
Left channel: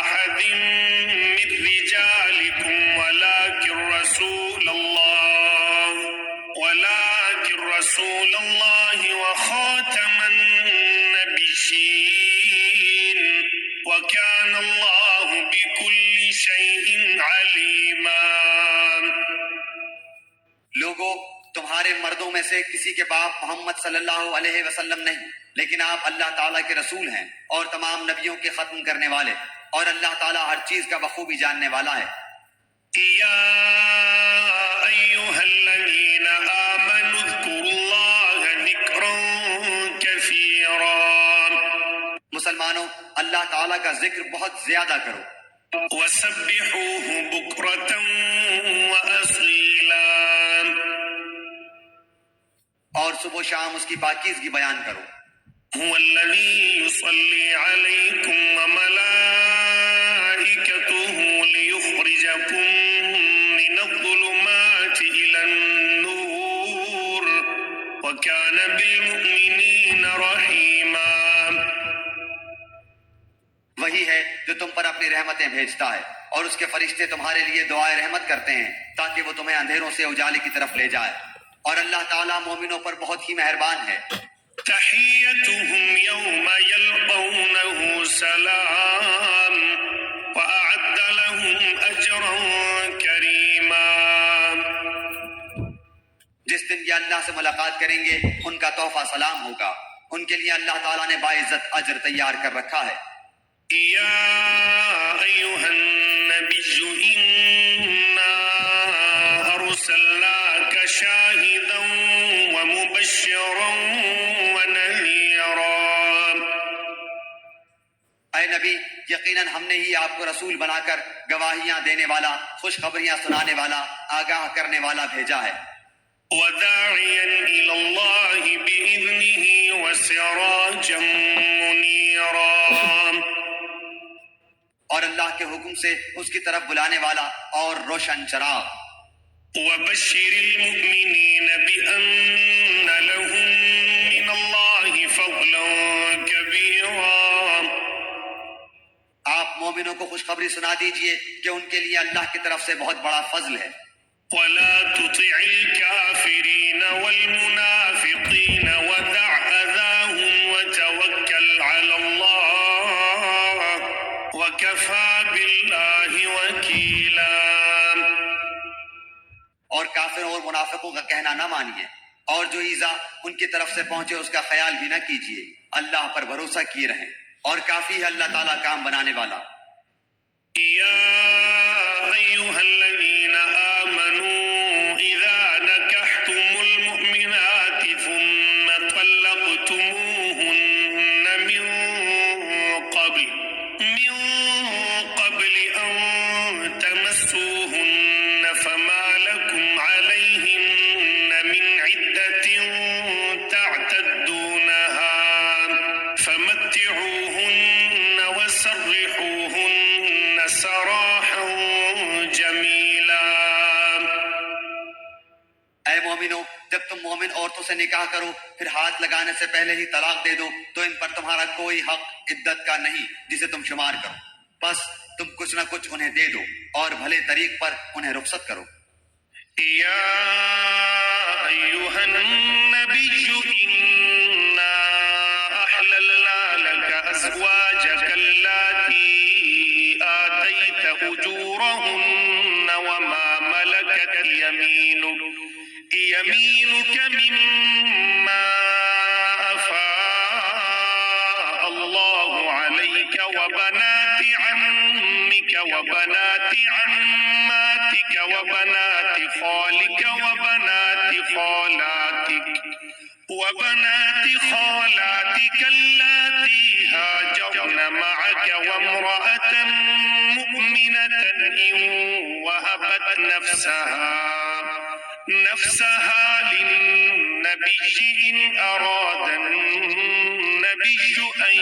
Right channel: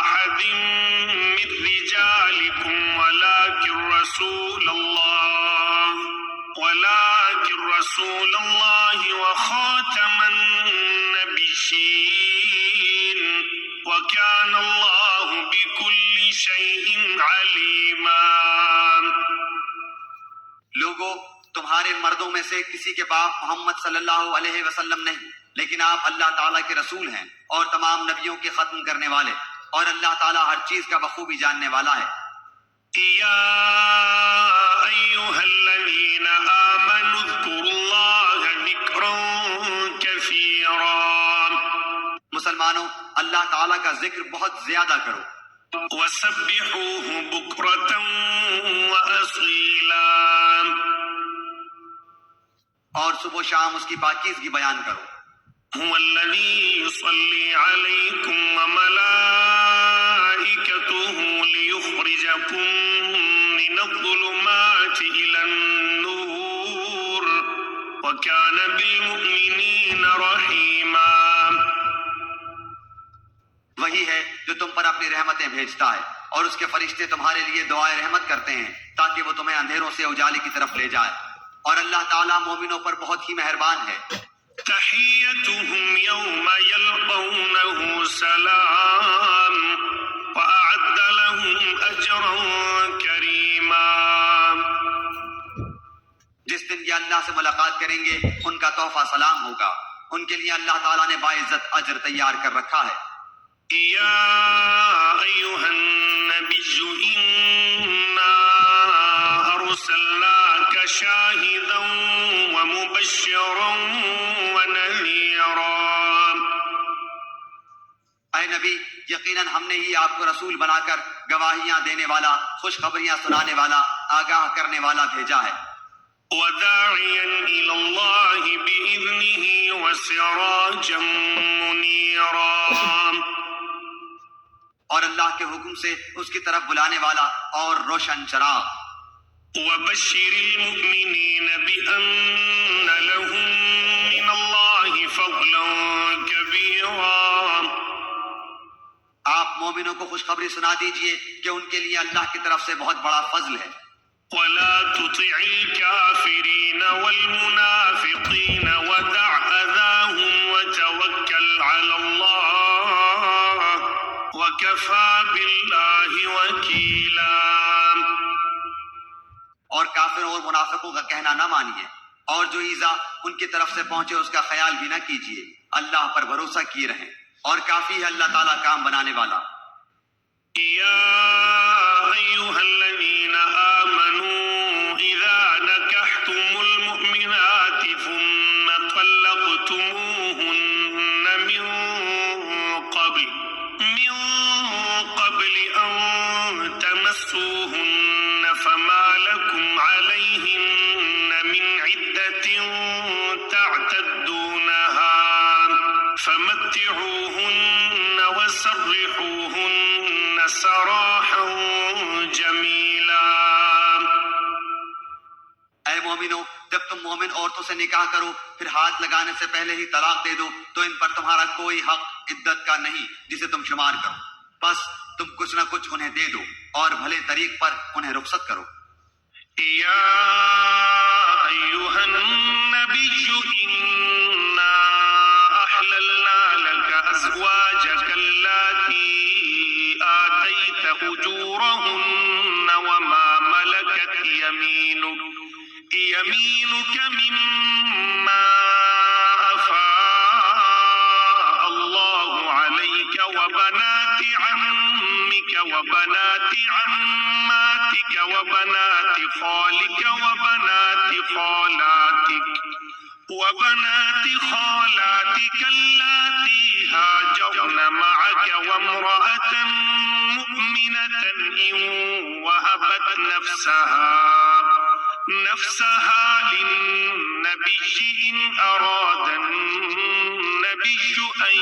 أحد من رجالكم ولكن رسول الله وخاتم النبيين وكان الله بكل شيء عليما. لوگو، تمہارے مردوں میں سے کسی کے باپ محمد صلی اللہ علیہ وسلم نہیں، لیکن آپ اللہ تعالیٰ کے رسول ہیں اور تمام نبیوں کے ختم کرنے والے، اور اللہ تعالیٰ ہر چیز کا بخوبی جاننے والا ہے. يا أيها الذين آمنوا اذكروا الله ذكرا كثيرا. مسلمانوں، اللہ تعالیٰ کا ذکر بہت زیادہ کرو، وسبحوه بكرة وأصيلا. اور صبح و شام اس کی پاکیزگی بیان کرو. هو الذي يصلي عليكم وملائكته ليخرجكم من الظلمات إلى النور وكان بالمؤمنين رحيما. وہی ہے جو تم پر اپنی رحمتیں بھیجتا ہے، اور اس کے فرشتے تمہارے لیے دعائے رحمت کرتے ہیں تاکہ وہ تمہیں اندھیروں سے اجالے کی طرف لے جائے، اور اللہ تعالیٰ مومنوں پر بہت ہی مہربان ہے. تحيتهم يوم يلقونه سلام وأعد لهم أجرا كريما. جس دن یہ اللہ سے ملاقات کریں گے ان کا تحفہ سلام ہوگا، ان کے لیے اللہ تعالیٰ نے باعزت اجر تیار کر رکھا ہے. يا أيها النبي إنا أرسلناك شاهدا ومبشرا ونذيرا. اے نبی، یقیناً ہم نے ہی آپ کو رسول بنا کر گواہیاں دینے والا، خوشخبریاں سنانے والا، آگاہ کرنے والا بھیجا ہے. وداعيا إلى الله بإذنه وسراجا منيرا. اور اللہ کے حکم سے اس کی طرف بلانے والا اور روشن چراغ. وبشر المؤمنين بأن لهم من الله فضلا كبيرا. آپ مومنوں کو خوشخبری سنا دیجئے کہ ان کے لیے اللہ کی طرف سے بہت بڑا فضل ہے. ولا تطع الكافرين والمنافقين ودع أذاهم وتوكل على الله وكفى بالله وكيلا. اور کافروں اور منافقوں کا کہنا نہ مانیے، اور جو ایذا ان کی طرف سے پہنچے اس کا خیال بھی نہ کیجیے، اللہ پر بھروسہ کیے رہیں، اور کافی ہے اللہ تعالیٰ کام بنانے والا. يا أيها الذين آمنوا إذا نكحتم المؤمنات ثم طلقتموهن من قبل أن تمسوهن فما لكم عليهن من عدة تعتدونها فمتعوهن وسرحوهن سراحا جميلا. اے مومنو، جب تم مومن عورتوں سے نکاح کرو پھر ہاتھ لگانے سے پہلے ہی طلاق دے دو تو ان پر تمہارا کوئی حق عدت کا نہیں جسے تم شمار کرو، بس تم کچھ نہ کچھ انہیں دے دو اور بھلے طریق پر انہیں رخصت کرو. يا أيها النبي إنا أحللنا لك أزواجك اللاتي آتيت أجورهن وما ملكت يمينك مما أفاء الله عليك وبنات عمك وبنات عماتك وبنات خالك وبنات خالاتك اللاتي هاجرن معك وامرأة مؤمنة إن وهبت نفسها للنبي إن أراد النبي أن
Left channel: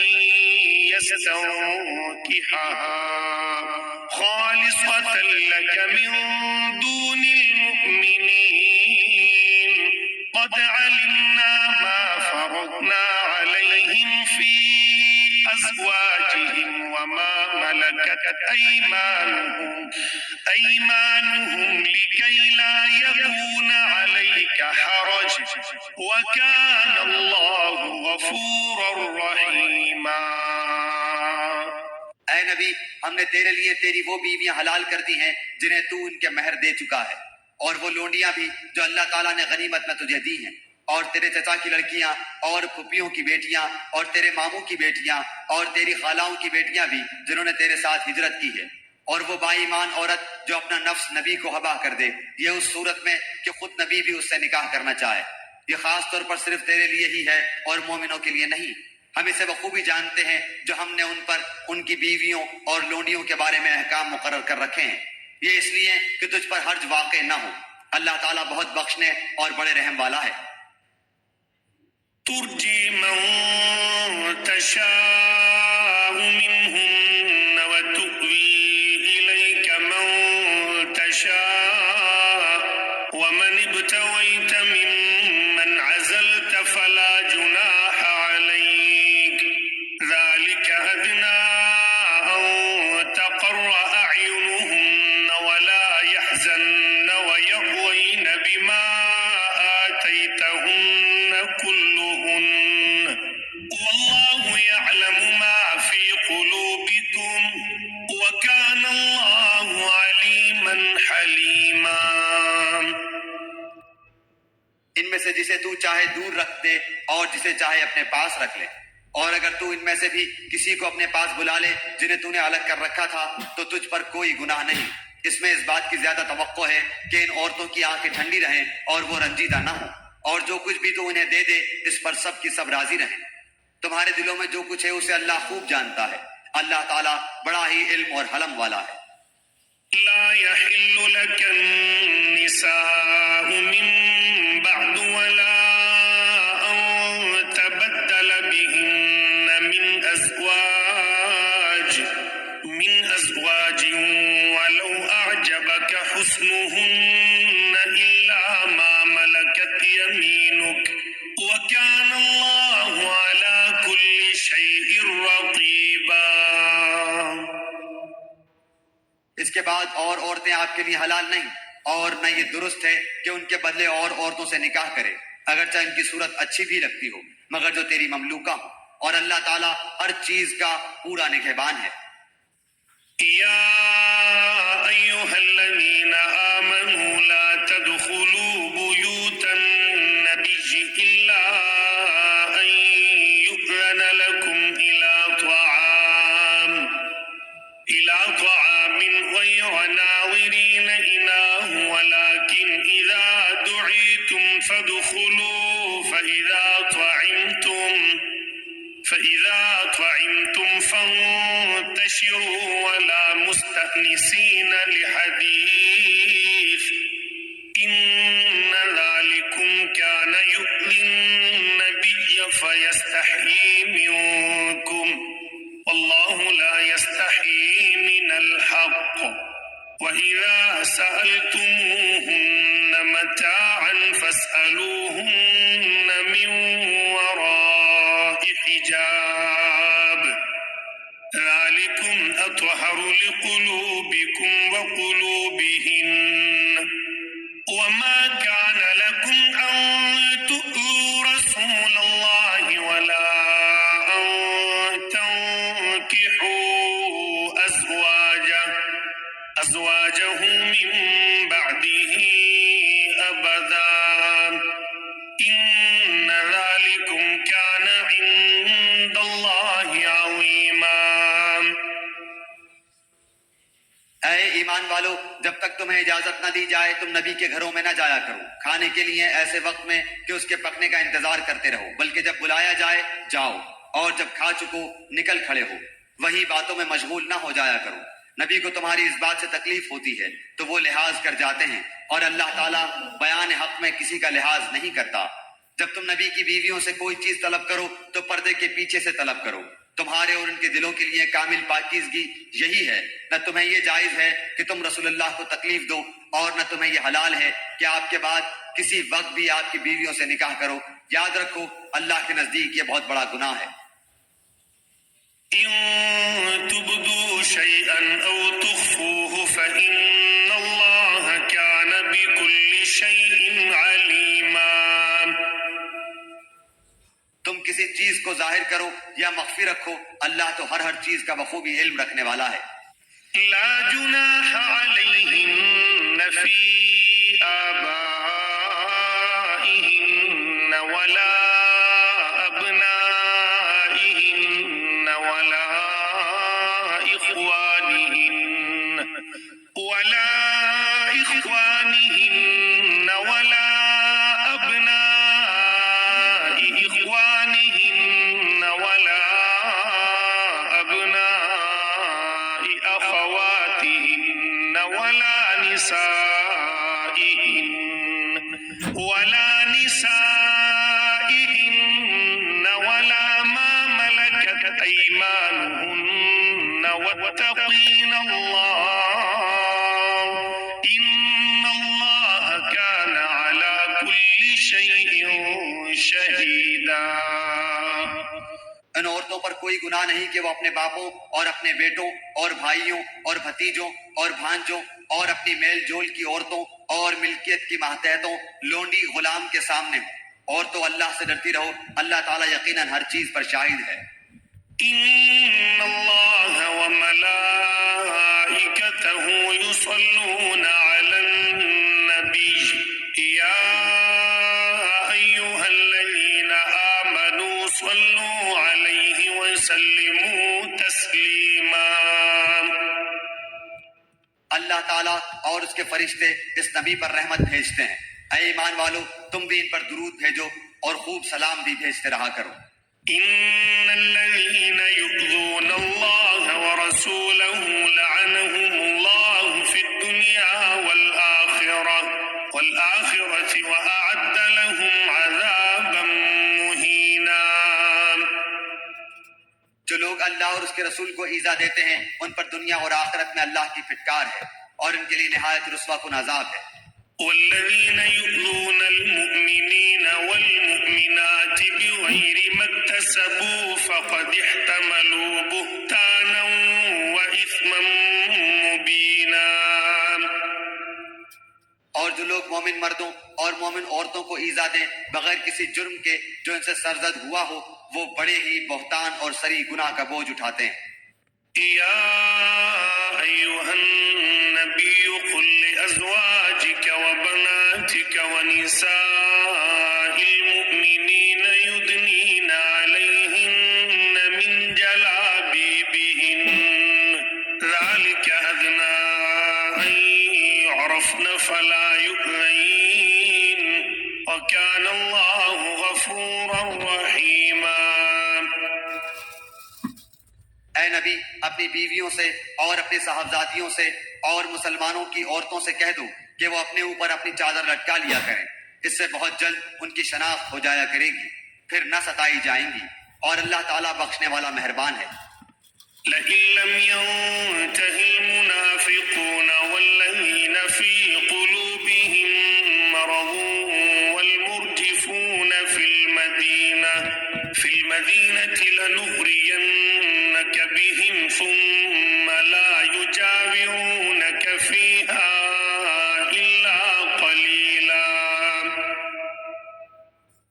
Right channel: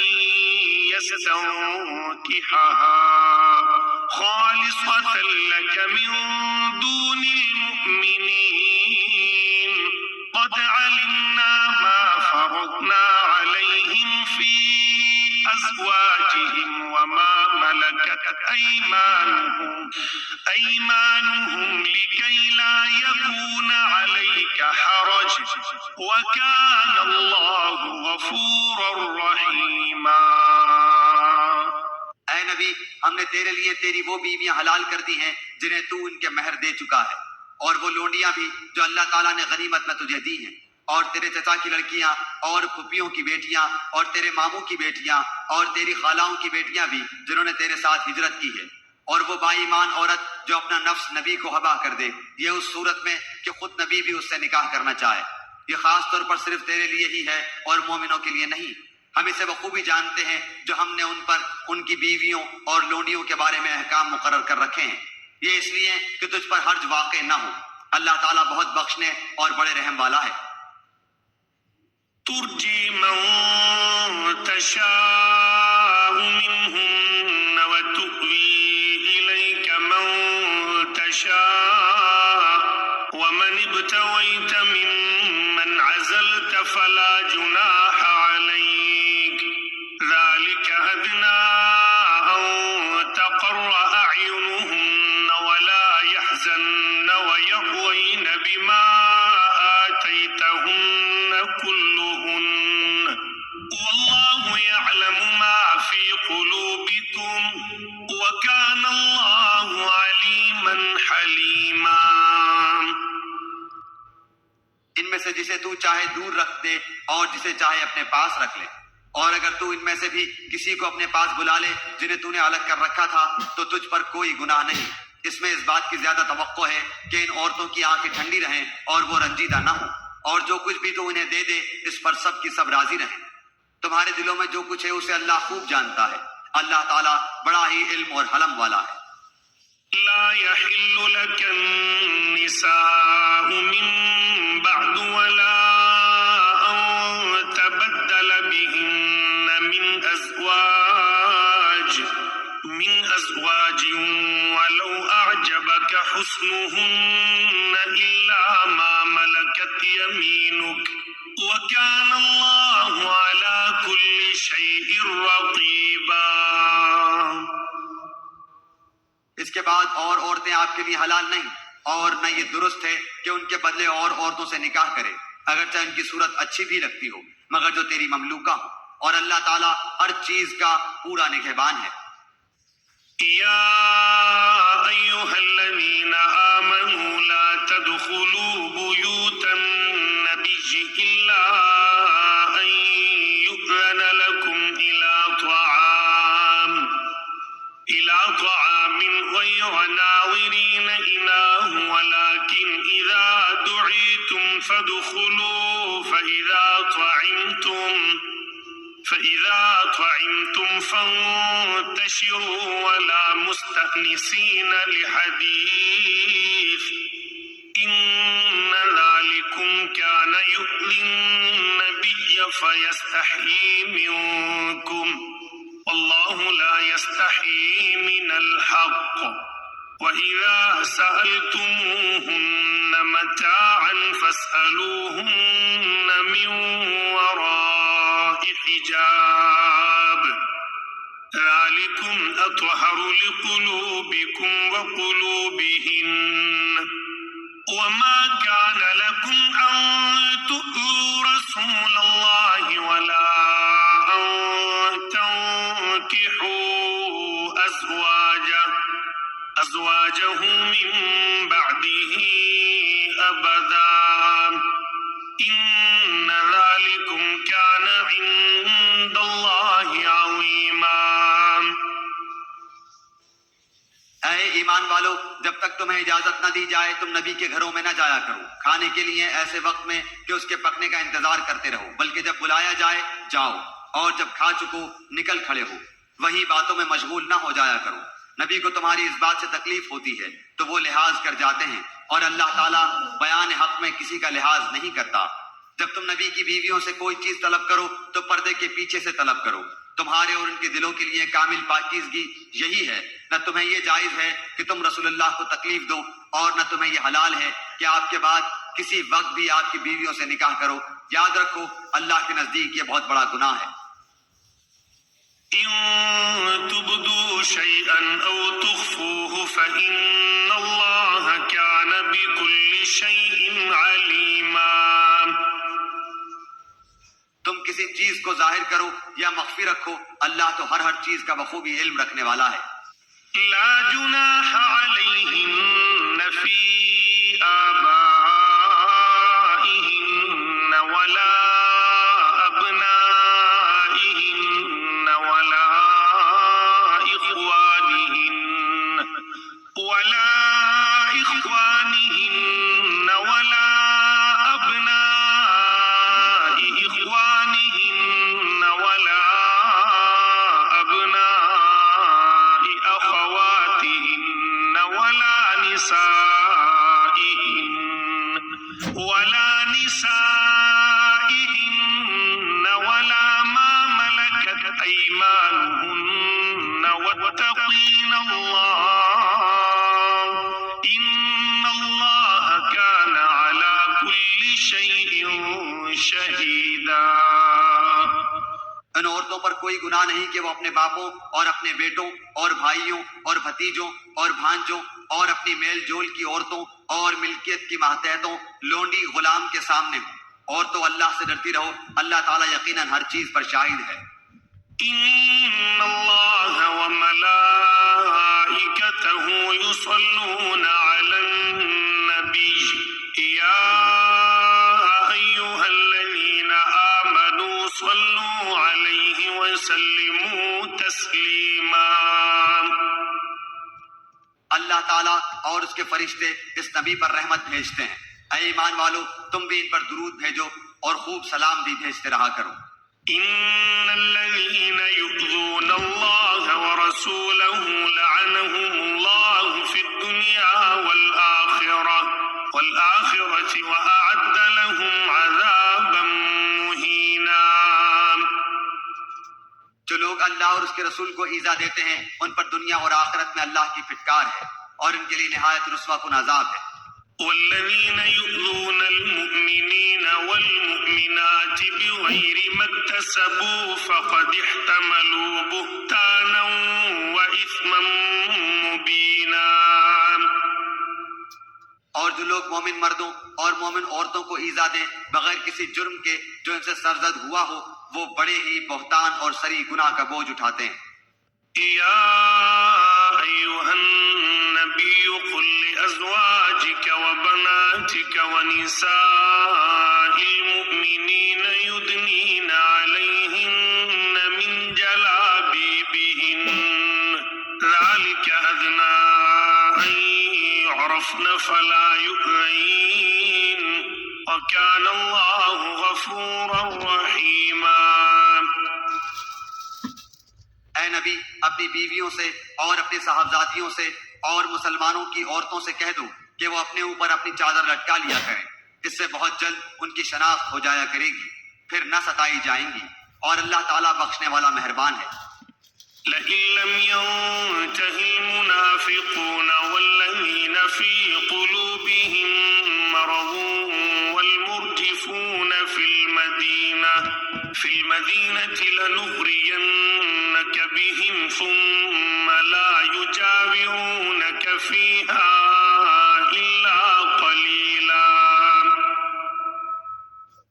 يستنكحها خالصة لك من دون المؤمنين قد علمنا ما فرضنا أزواجهم وما ملكت أيمانهم لكي لا يكون عليك حرج وكان الله غفورا رحيما. اے نبی، ہم نے تیرے لیے تیری وہ بیویاں حلال کر دی ہیں جنہیں تو ان کے مہر دے چکا ہے، اور وہ لونڈیاں بھی جو اللہ تعالیٰ نے غنیمت میں تجھے دی ہیں، اور تیرے چچا کی لڑکیاں اور پھپھیوں کی بیٹیاں اور تیرے ماموں کی بیٹیاں اور تیری خالاؤں کی بیٹیاں بھی جنہوں نے تیرے ساتھ ہجرت کی ہے، اور وہ با ایمان عورت جو اپنا نفس نبی کو ہبا کر دے، یہ اس صورت میں کہ خود نبی بھی اس سے نکاح کرنا چاہے۔ یہ خاص طور پر صرف تیرے لیے ہی ہے اور مومنوں کے لیے نہیں۔ ہم اسے بخوبی جانتے ہیں جو ہم نے ان پر ان کی بیویوں اور لونڈیوں کے بارے میں احکام مقرر کر رکھے ہیں، یہ اس لیے کہ تجھ پر حرج واقع نہ ہو۔ اللہ تعالیٰ بہت بخشنے اور بڑے رحم والا ہے۔ ترجي من تشاء منهن وتؤوي إليك من تشاء ومن ابتويت ممن عزلت فلا جناح عليك ذلك أدنى أن تقر أعينهن ولا يحزن ويرضين بما آتيتهن كلهن والله يعلم ما في قلوبكم وكان الله عليما حليما. ان میں سے جسے تو چاہے دور رکھ دے اور جسے چاہے اپنے پاس رکھ لے، اور اگر تو ان میں سے بھی کسی کو اپنے پاس بلا لے جنہیں تو نے الگ کر رکھا تھا تو تجھ پر کوئی گناہ نہیں۔ اس میں اس بات کی زیادہ توقع ہے کہ ان عورتوں کی آنکھیں ٹھنڈی رہیں اور وہ رنجیدہ نہ ہوں، اور جو کچھ بھی تو انہیں دے دے اس پر سب کی سب راضی رہیں۔ تمہارے دلوں میں جو کچھ ہے اسے اللہ خوب جانتا ہے، اللہ تعالیٰ بڑا ہی علم اور حلم والا ہے۔ لا يحل لك النساء من بعد ولا أن تبدل بهن من أزواج ولو أعجبك حسنهن إلا ما ملكت يمينك وكان الله على كل شيء رقيبا. اس کے بعد اور عورتیں آپ کے لیے حلال نہیں، اور نہ یہ درست ہے کہ ان کے بدلے اور عورتوں سے نکاح کرے، اگرچہ ان کی صورت اچھی بھی لگتی ہو، مگر جو تیری مملوکہ ہو، اور اللہ تعالیٰ ہر چیز کا پورا نگہبان ہے۔ يا أيها الذين آمنوا لا تدخلوا بيوت النبي إلا أن يؤذن لكم إلى طعام غير ناظرين إناه ولكن إذا دعيتم فادخلوا فإذا طعمتم فانتشروا ولا مستأنسين لحديث إن ذلكم كان يؤذي النبي فيستحيي منكم والله لا يستحيي من الحق وإذا سألتموهن متاعا فاسألوهن من وراء حجاب ذلكم أطهر لقلوبكم وقلوبهن وما كان لكم أن تؤذوا رسول الله ولا أن تنكحوا أزواجه من بعده أبدا إن ذلكم كان عند الله عظيما. اے ایمان والو، جب تک تمہیں اجازت نہ دی جائے تم نبی کے گھروں میں نہ جایا کرو کھانے کے لیے ایسے وقت میں کہ اس کے پکنے کا انتظار کرتے رہو، بلکہ جب بلایا جائے جاؤ، اور جب کھا چکو نکل کھڑے ہو، وہی باتوں میں مشغول نہ ہو جایا کرو۔ نبی کو تمہاری اس بات سے تکلیف ہوتی ہے تو وہ لحاظ کر جاتے ہیں، اور اللہ تعالیٰ بیان حق میں کسی کا لحاظ نہیں کرتا۔ جب تم نبی کی بیویوں سے کوئی چیز طلب کرو تو پردے کے پیچھے سے طلب کرو، تمہارے اور ان کے دلوں کے لیے کامل پاکیزگی یہی ہے۔ نہ تمہیں یہ جائز ہے کہ تم رسول اللہ کو تکلیف دو، اور نہ تمہیں یہ حلال ہے کہ آپ کے بعد کسی وقت بھی آپ کی بیویوں سے نکاح کرو۔ یاد رکھو اللہ کے نزدیک یہ بہت بڑا گناہ ہے۔ إن تبدوا شيئا أو تخفوه فإن الله كان بكل شيء عليما. تم کسی چیز کو ظاہر کرو یا مخفی رکھو، اللہ تو ہر چیز کا بخوبی علم رکھنے والا ہے۔ لا جناح عليهن في آبائهن ولا أبنائهن ولا إخوانهن ولا أبناء إخوانهن ولا أبناء أخواتهن ولا نسائهن ولا ما ملكت أيمانهن واتقين الله إن الله كان على كل شيء شهيدا. ان عورتوں پر کوئی گناہ نہیں کہ وہ اپنے باپوں اور اپنے بیٹوں اور بھائیوں اور بھتیجوں اور بھانجوں اور اپنی میل جول کی عورتوں اور ملکیت کی ماتحتوں لونڈی غلام کے سامنے ہوں، اور تو اللہ سے ڈرتی رہو، اللہ تعالیٰ یقیناً ہر چیز پر شاہد ہے۔ إن الله وملائكته يصلون على النبي يا أيها الذين آمنوا صلوا عليه وسلموا تسليما. اللہ تعالیٰ اور اس کے فرشتے اس نبی پر رحمت بھیجتے ہیں، اے ایمان والو تم بھی ان پر درود بھیجو اور خوب سلام بھی بھیجتے رہا کرو۔ إن الذين يؤذون الله ورسوله لعنهم الله في الدنيا والآخرة وأعد لهم عذابا مهينا. جو لوگ اللہ اور اس کے رسول کو ایذا دیتے ہیں ان پر دنیا اور آخرت میں اللہ کی پھٹکار ہے اور ان کے لیے نہایت رسوا کن عذاب ہے۔ والذين يؤذون المؤمنين والمؤمنات بغير ما اكتسبوا فقد احتملوا بهتانا وإثما مبينا. اور جو لوگ مومن مردوں اور مومن عورتوں کو ایذا دیں بغیر کسی جرم کے جو ان سے سرزد ہوا ہو، وہ بڑے ہی بہتان اور سری گناہ کا بوجھ اٹھاتے ہیں۔ يا أيها النبي قل لأزواجك وبناتك ونساء المؤمنين يدنين عليهن من جلابيبهن ذلك أدنى أن يعرفن فلا يؤذين وكان الله غفورا رحيما. اے نبی اپنی بیویوں سے اور اپنی صاحبزادیوں سے اور مسلمانوں کی عورتوں سے کہہ دو کہ وہ اپنے اوپر اپنی چادر لٹکا لیا کریں، اس سے بہت جلد ان کی شناخت ہو جایا کرے گی، پھر نہ ستائی جائیں گی، اور اللہ تعالیٰ بخشنے والا مہربان ہے۔ لئن لم ينته المنافقون والذين في قلوبهم مرض والمرجفون في المدينة لنغرينك بهم ثم لا يجاورونك فيها إلا قليلا.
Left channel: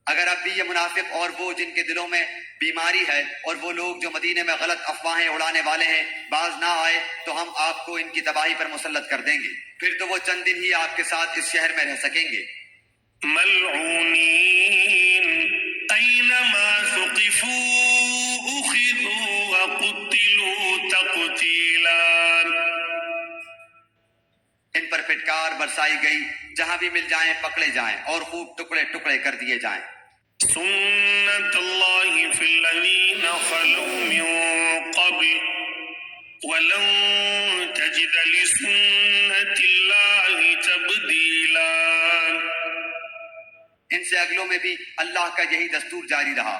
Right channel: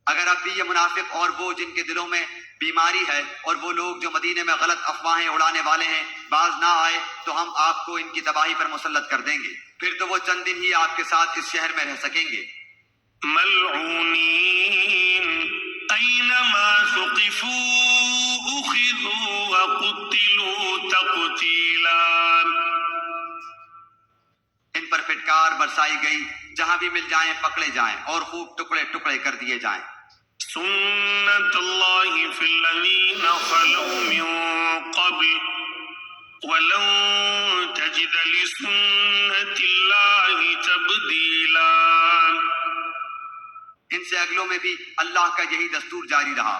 اگر اب بھی یہ منافق اور وہ جن کے دلوں میں بیماری ہے اور وہ لوگ جو مدینے میں غلط افواہیں اڑانے والے ہیں باز نہ آئے تو ہم آپ کو ان کی تباہی پر مسلط کر دیں گے، پھر تو وہ چند دن ہی آپ کے ساتھ اس شہر میں رہ سکیں گے۔ ملعونین اینما ثقفوا اخذوا وقتلوا تقتیلا. ان پر پھٹکار برسائی گئی، جہاں بھی مل جائیں پکڑے جائیں اور خوب ٹکڑے ٹکڑے کر دیے جائیں۔ سنت اللہ فی الذین خلوا من قبل ولن تجد لسنت اللہ تبدیلا. ان سے اگلوں میں بھی اللہ کا یہی دستور جاری رہا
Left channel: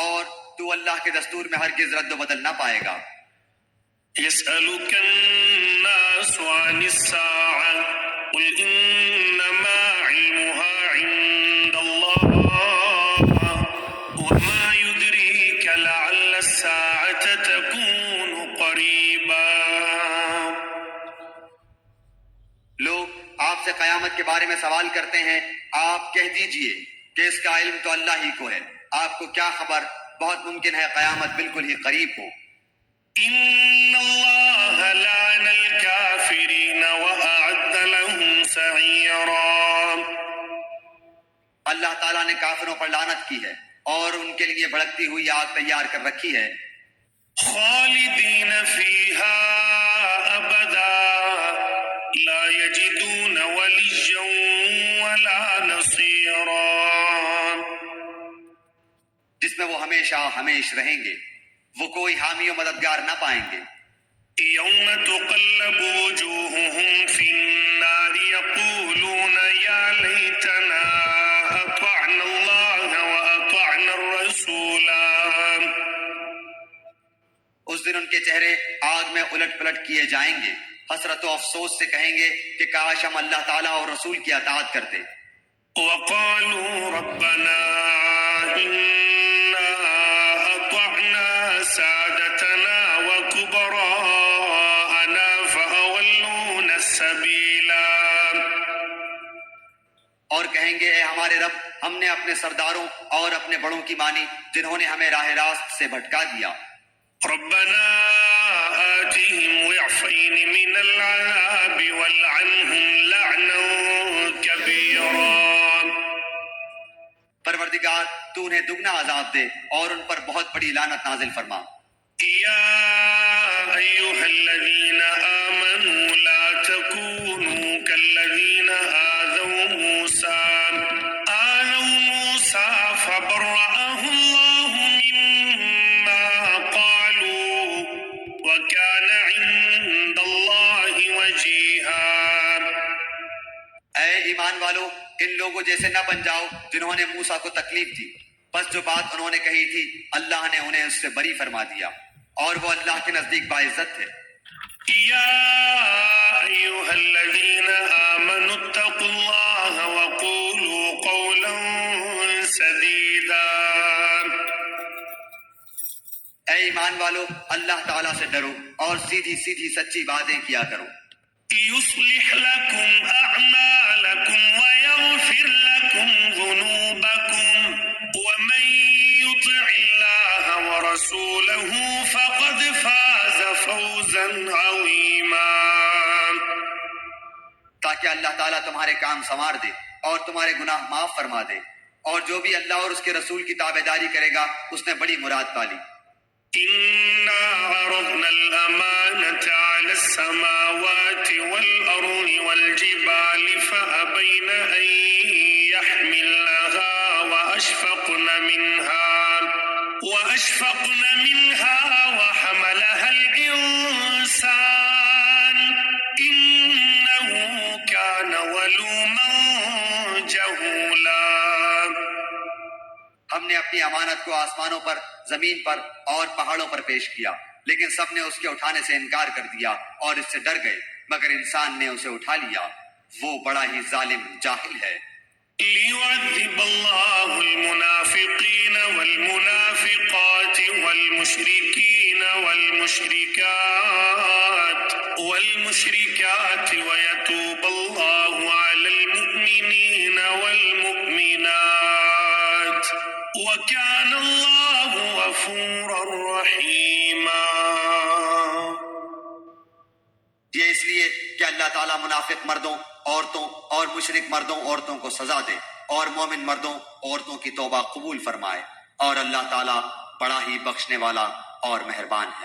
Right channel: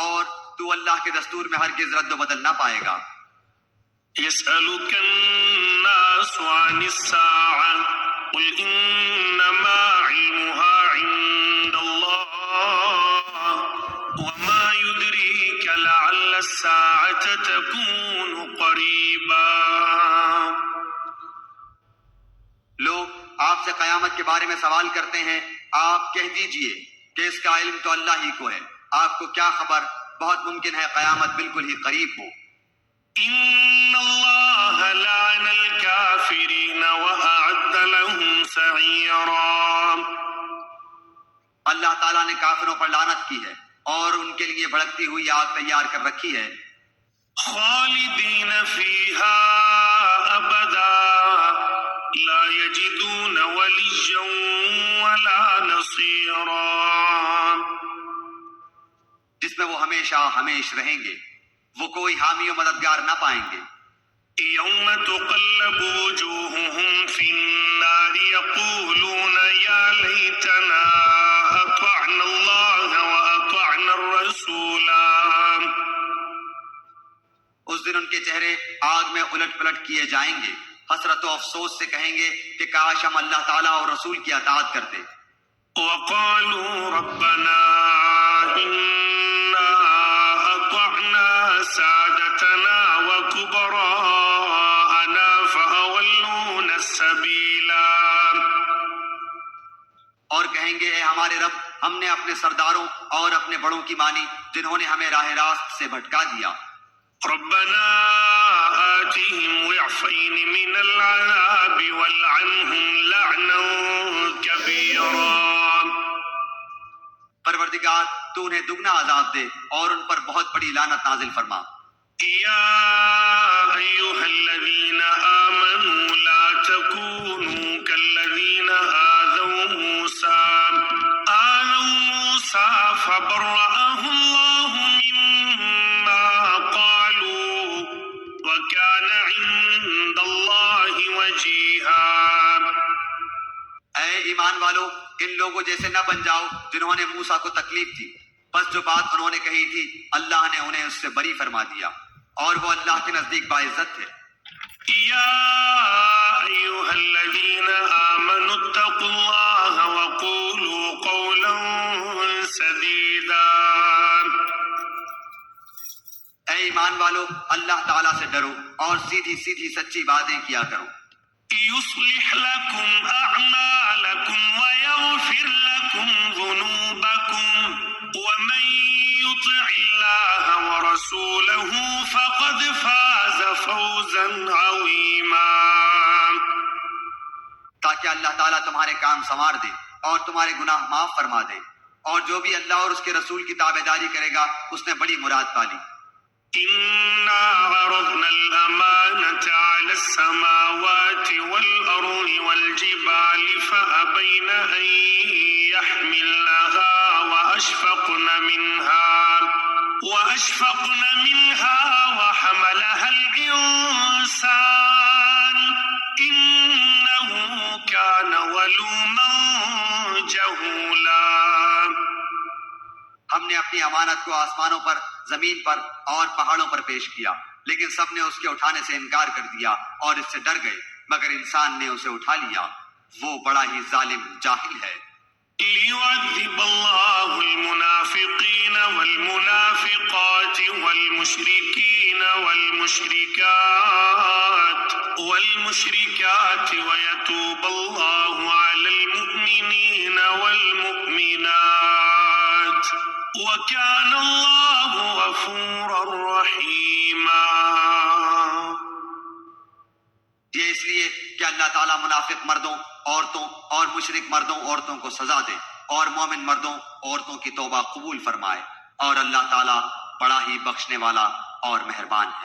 اور تو اللہ کے دستور میں ہرگز رد و بدل نہ پائے گا۔ يسألك الناس عن الساعة قل إنما علمها عند الله وما يدريك لعل الساعة تكون قیامت کے بارے میں سوال کرتے ہیں، آپ کہہ دیجئے کہ اس کا علم تو اللہ ہی کو ہے، آپ کو کیا خبر، بہت ممکن ہے قیامت بالکل ہی قریب ہو۔ إن الله لعن الكافرين وأعد لهم سعيرا۔ اللہ تعالیٰ نے کافروں پر لعنت کی ہے اور ان کے لیے بھڑکتی ہوئی آگ تیار کر رکھی ہے، خالدين فيها أبدا لا يجدون وليا ولا نصيرا۔ جس میں وہ ہمیشہ ہمیش رہیں گے، وہ کوئی حامی و مددگار نہ پائیں گے۔ يوم تقلب وجوههم في النار يقولون يا ليتنا أطعنا الله وأطعنا الرسولا۔ اس دن ان کے چہرے آگ میں الٹ پلٹ کیے جائیں گے، حسرت و افسوس سے کہیں گے کہ کاش ہم اللہ تعالیٰ اور رسول کی اطاعت کرتے۔ وقالوا ربنا إنا أطعنا سادتنا وكبراءنا فأولونا السبيلا۔ اور کہیں گے اے ہمارے رب، ہم نے اپنے سرداروں اور اپنے بڑوں کی مانی جنہوں نے ہمیں راہ راست سے بھٹکا دیا۔ ربنا آتهم ضعفين من العذاب والعنهم لعنا كبيرا۔ پروردگار تو انہیں دگنا عذاب دے اور ان پر بہت بڑی لعنت نازل فرما۔ يا أيها الذين آمنوا لا تكونوا كالذين آذوا موسى فبرأه الله مما قالوا وكان عند الله وجيها۔ اے ایمان والو، ان لوگوں جیسے نہ بن جاؤ جنہوں نے موسیٰ کو تکلیف دی، بس جو بات انہوں نے کہی تھی اللہ نے انہیں اس سے بری فرما دیا، اور وہ اللہ کے نزدیک باعزت تھے۔ يا أيها الذين آمنوا اتقوا الله وقولوا قولا سديدا۔ اے ایمان والو، اللہ تعالیٰ سے ڈرو اور سیدھی سیدھی سچی باتیں کیا کرو۔ يصلح لكم أعمالكم ويغفر لكم ذنوبكم ومن يطع الله ورسوله فقد فاز فوزا عظيما۔ تاکہ اللہ تعالیٰ تمہارے کام سنوار دے اور تمہارے گناہ معاف فرما دے، اور جو بھی اللہ اور اس کے رسول کی تابعداری کرے گا اس نے بڑی مراد پالی۔ إنا عرضنا الأمانة على السماوات والأرض والجبال فأبين أن يحملنها وأشفقن منها وحملها الإنسان إنه كان ظلوما جهولا۔ ہم نے اپنی امانت کو آسمانوں پر، زمین پر اور پہاڑوں پر پیش کیا، لیکن سب نے اس کے اٹھانے سے انکار کر دیا اور اس سے ڈر گئے، مگر انسان نے اسے اٹھا لیا، وہ بڑا ہی ظالم جاہل ہے۔ ليعذب الله المنافقين والمنافقات والمشركين والمشركات ويتوب الله على المؤمنين والمؤمنات وكان الله غفورا رحيما۔ یہ اس لیے کہ اللہ تعالیٰ منافق مردوں، عورتوں اور مشرک مردوں، عورتوں کو سزا دے، اور مومن مردوں، عورتوں کی توبہ قبول فرمائے، اور اللہ تعالیٰ بڑا ہی بخشنے والا اور مہربان ہے۔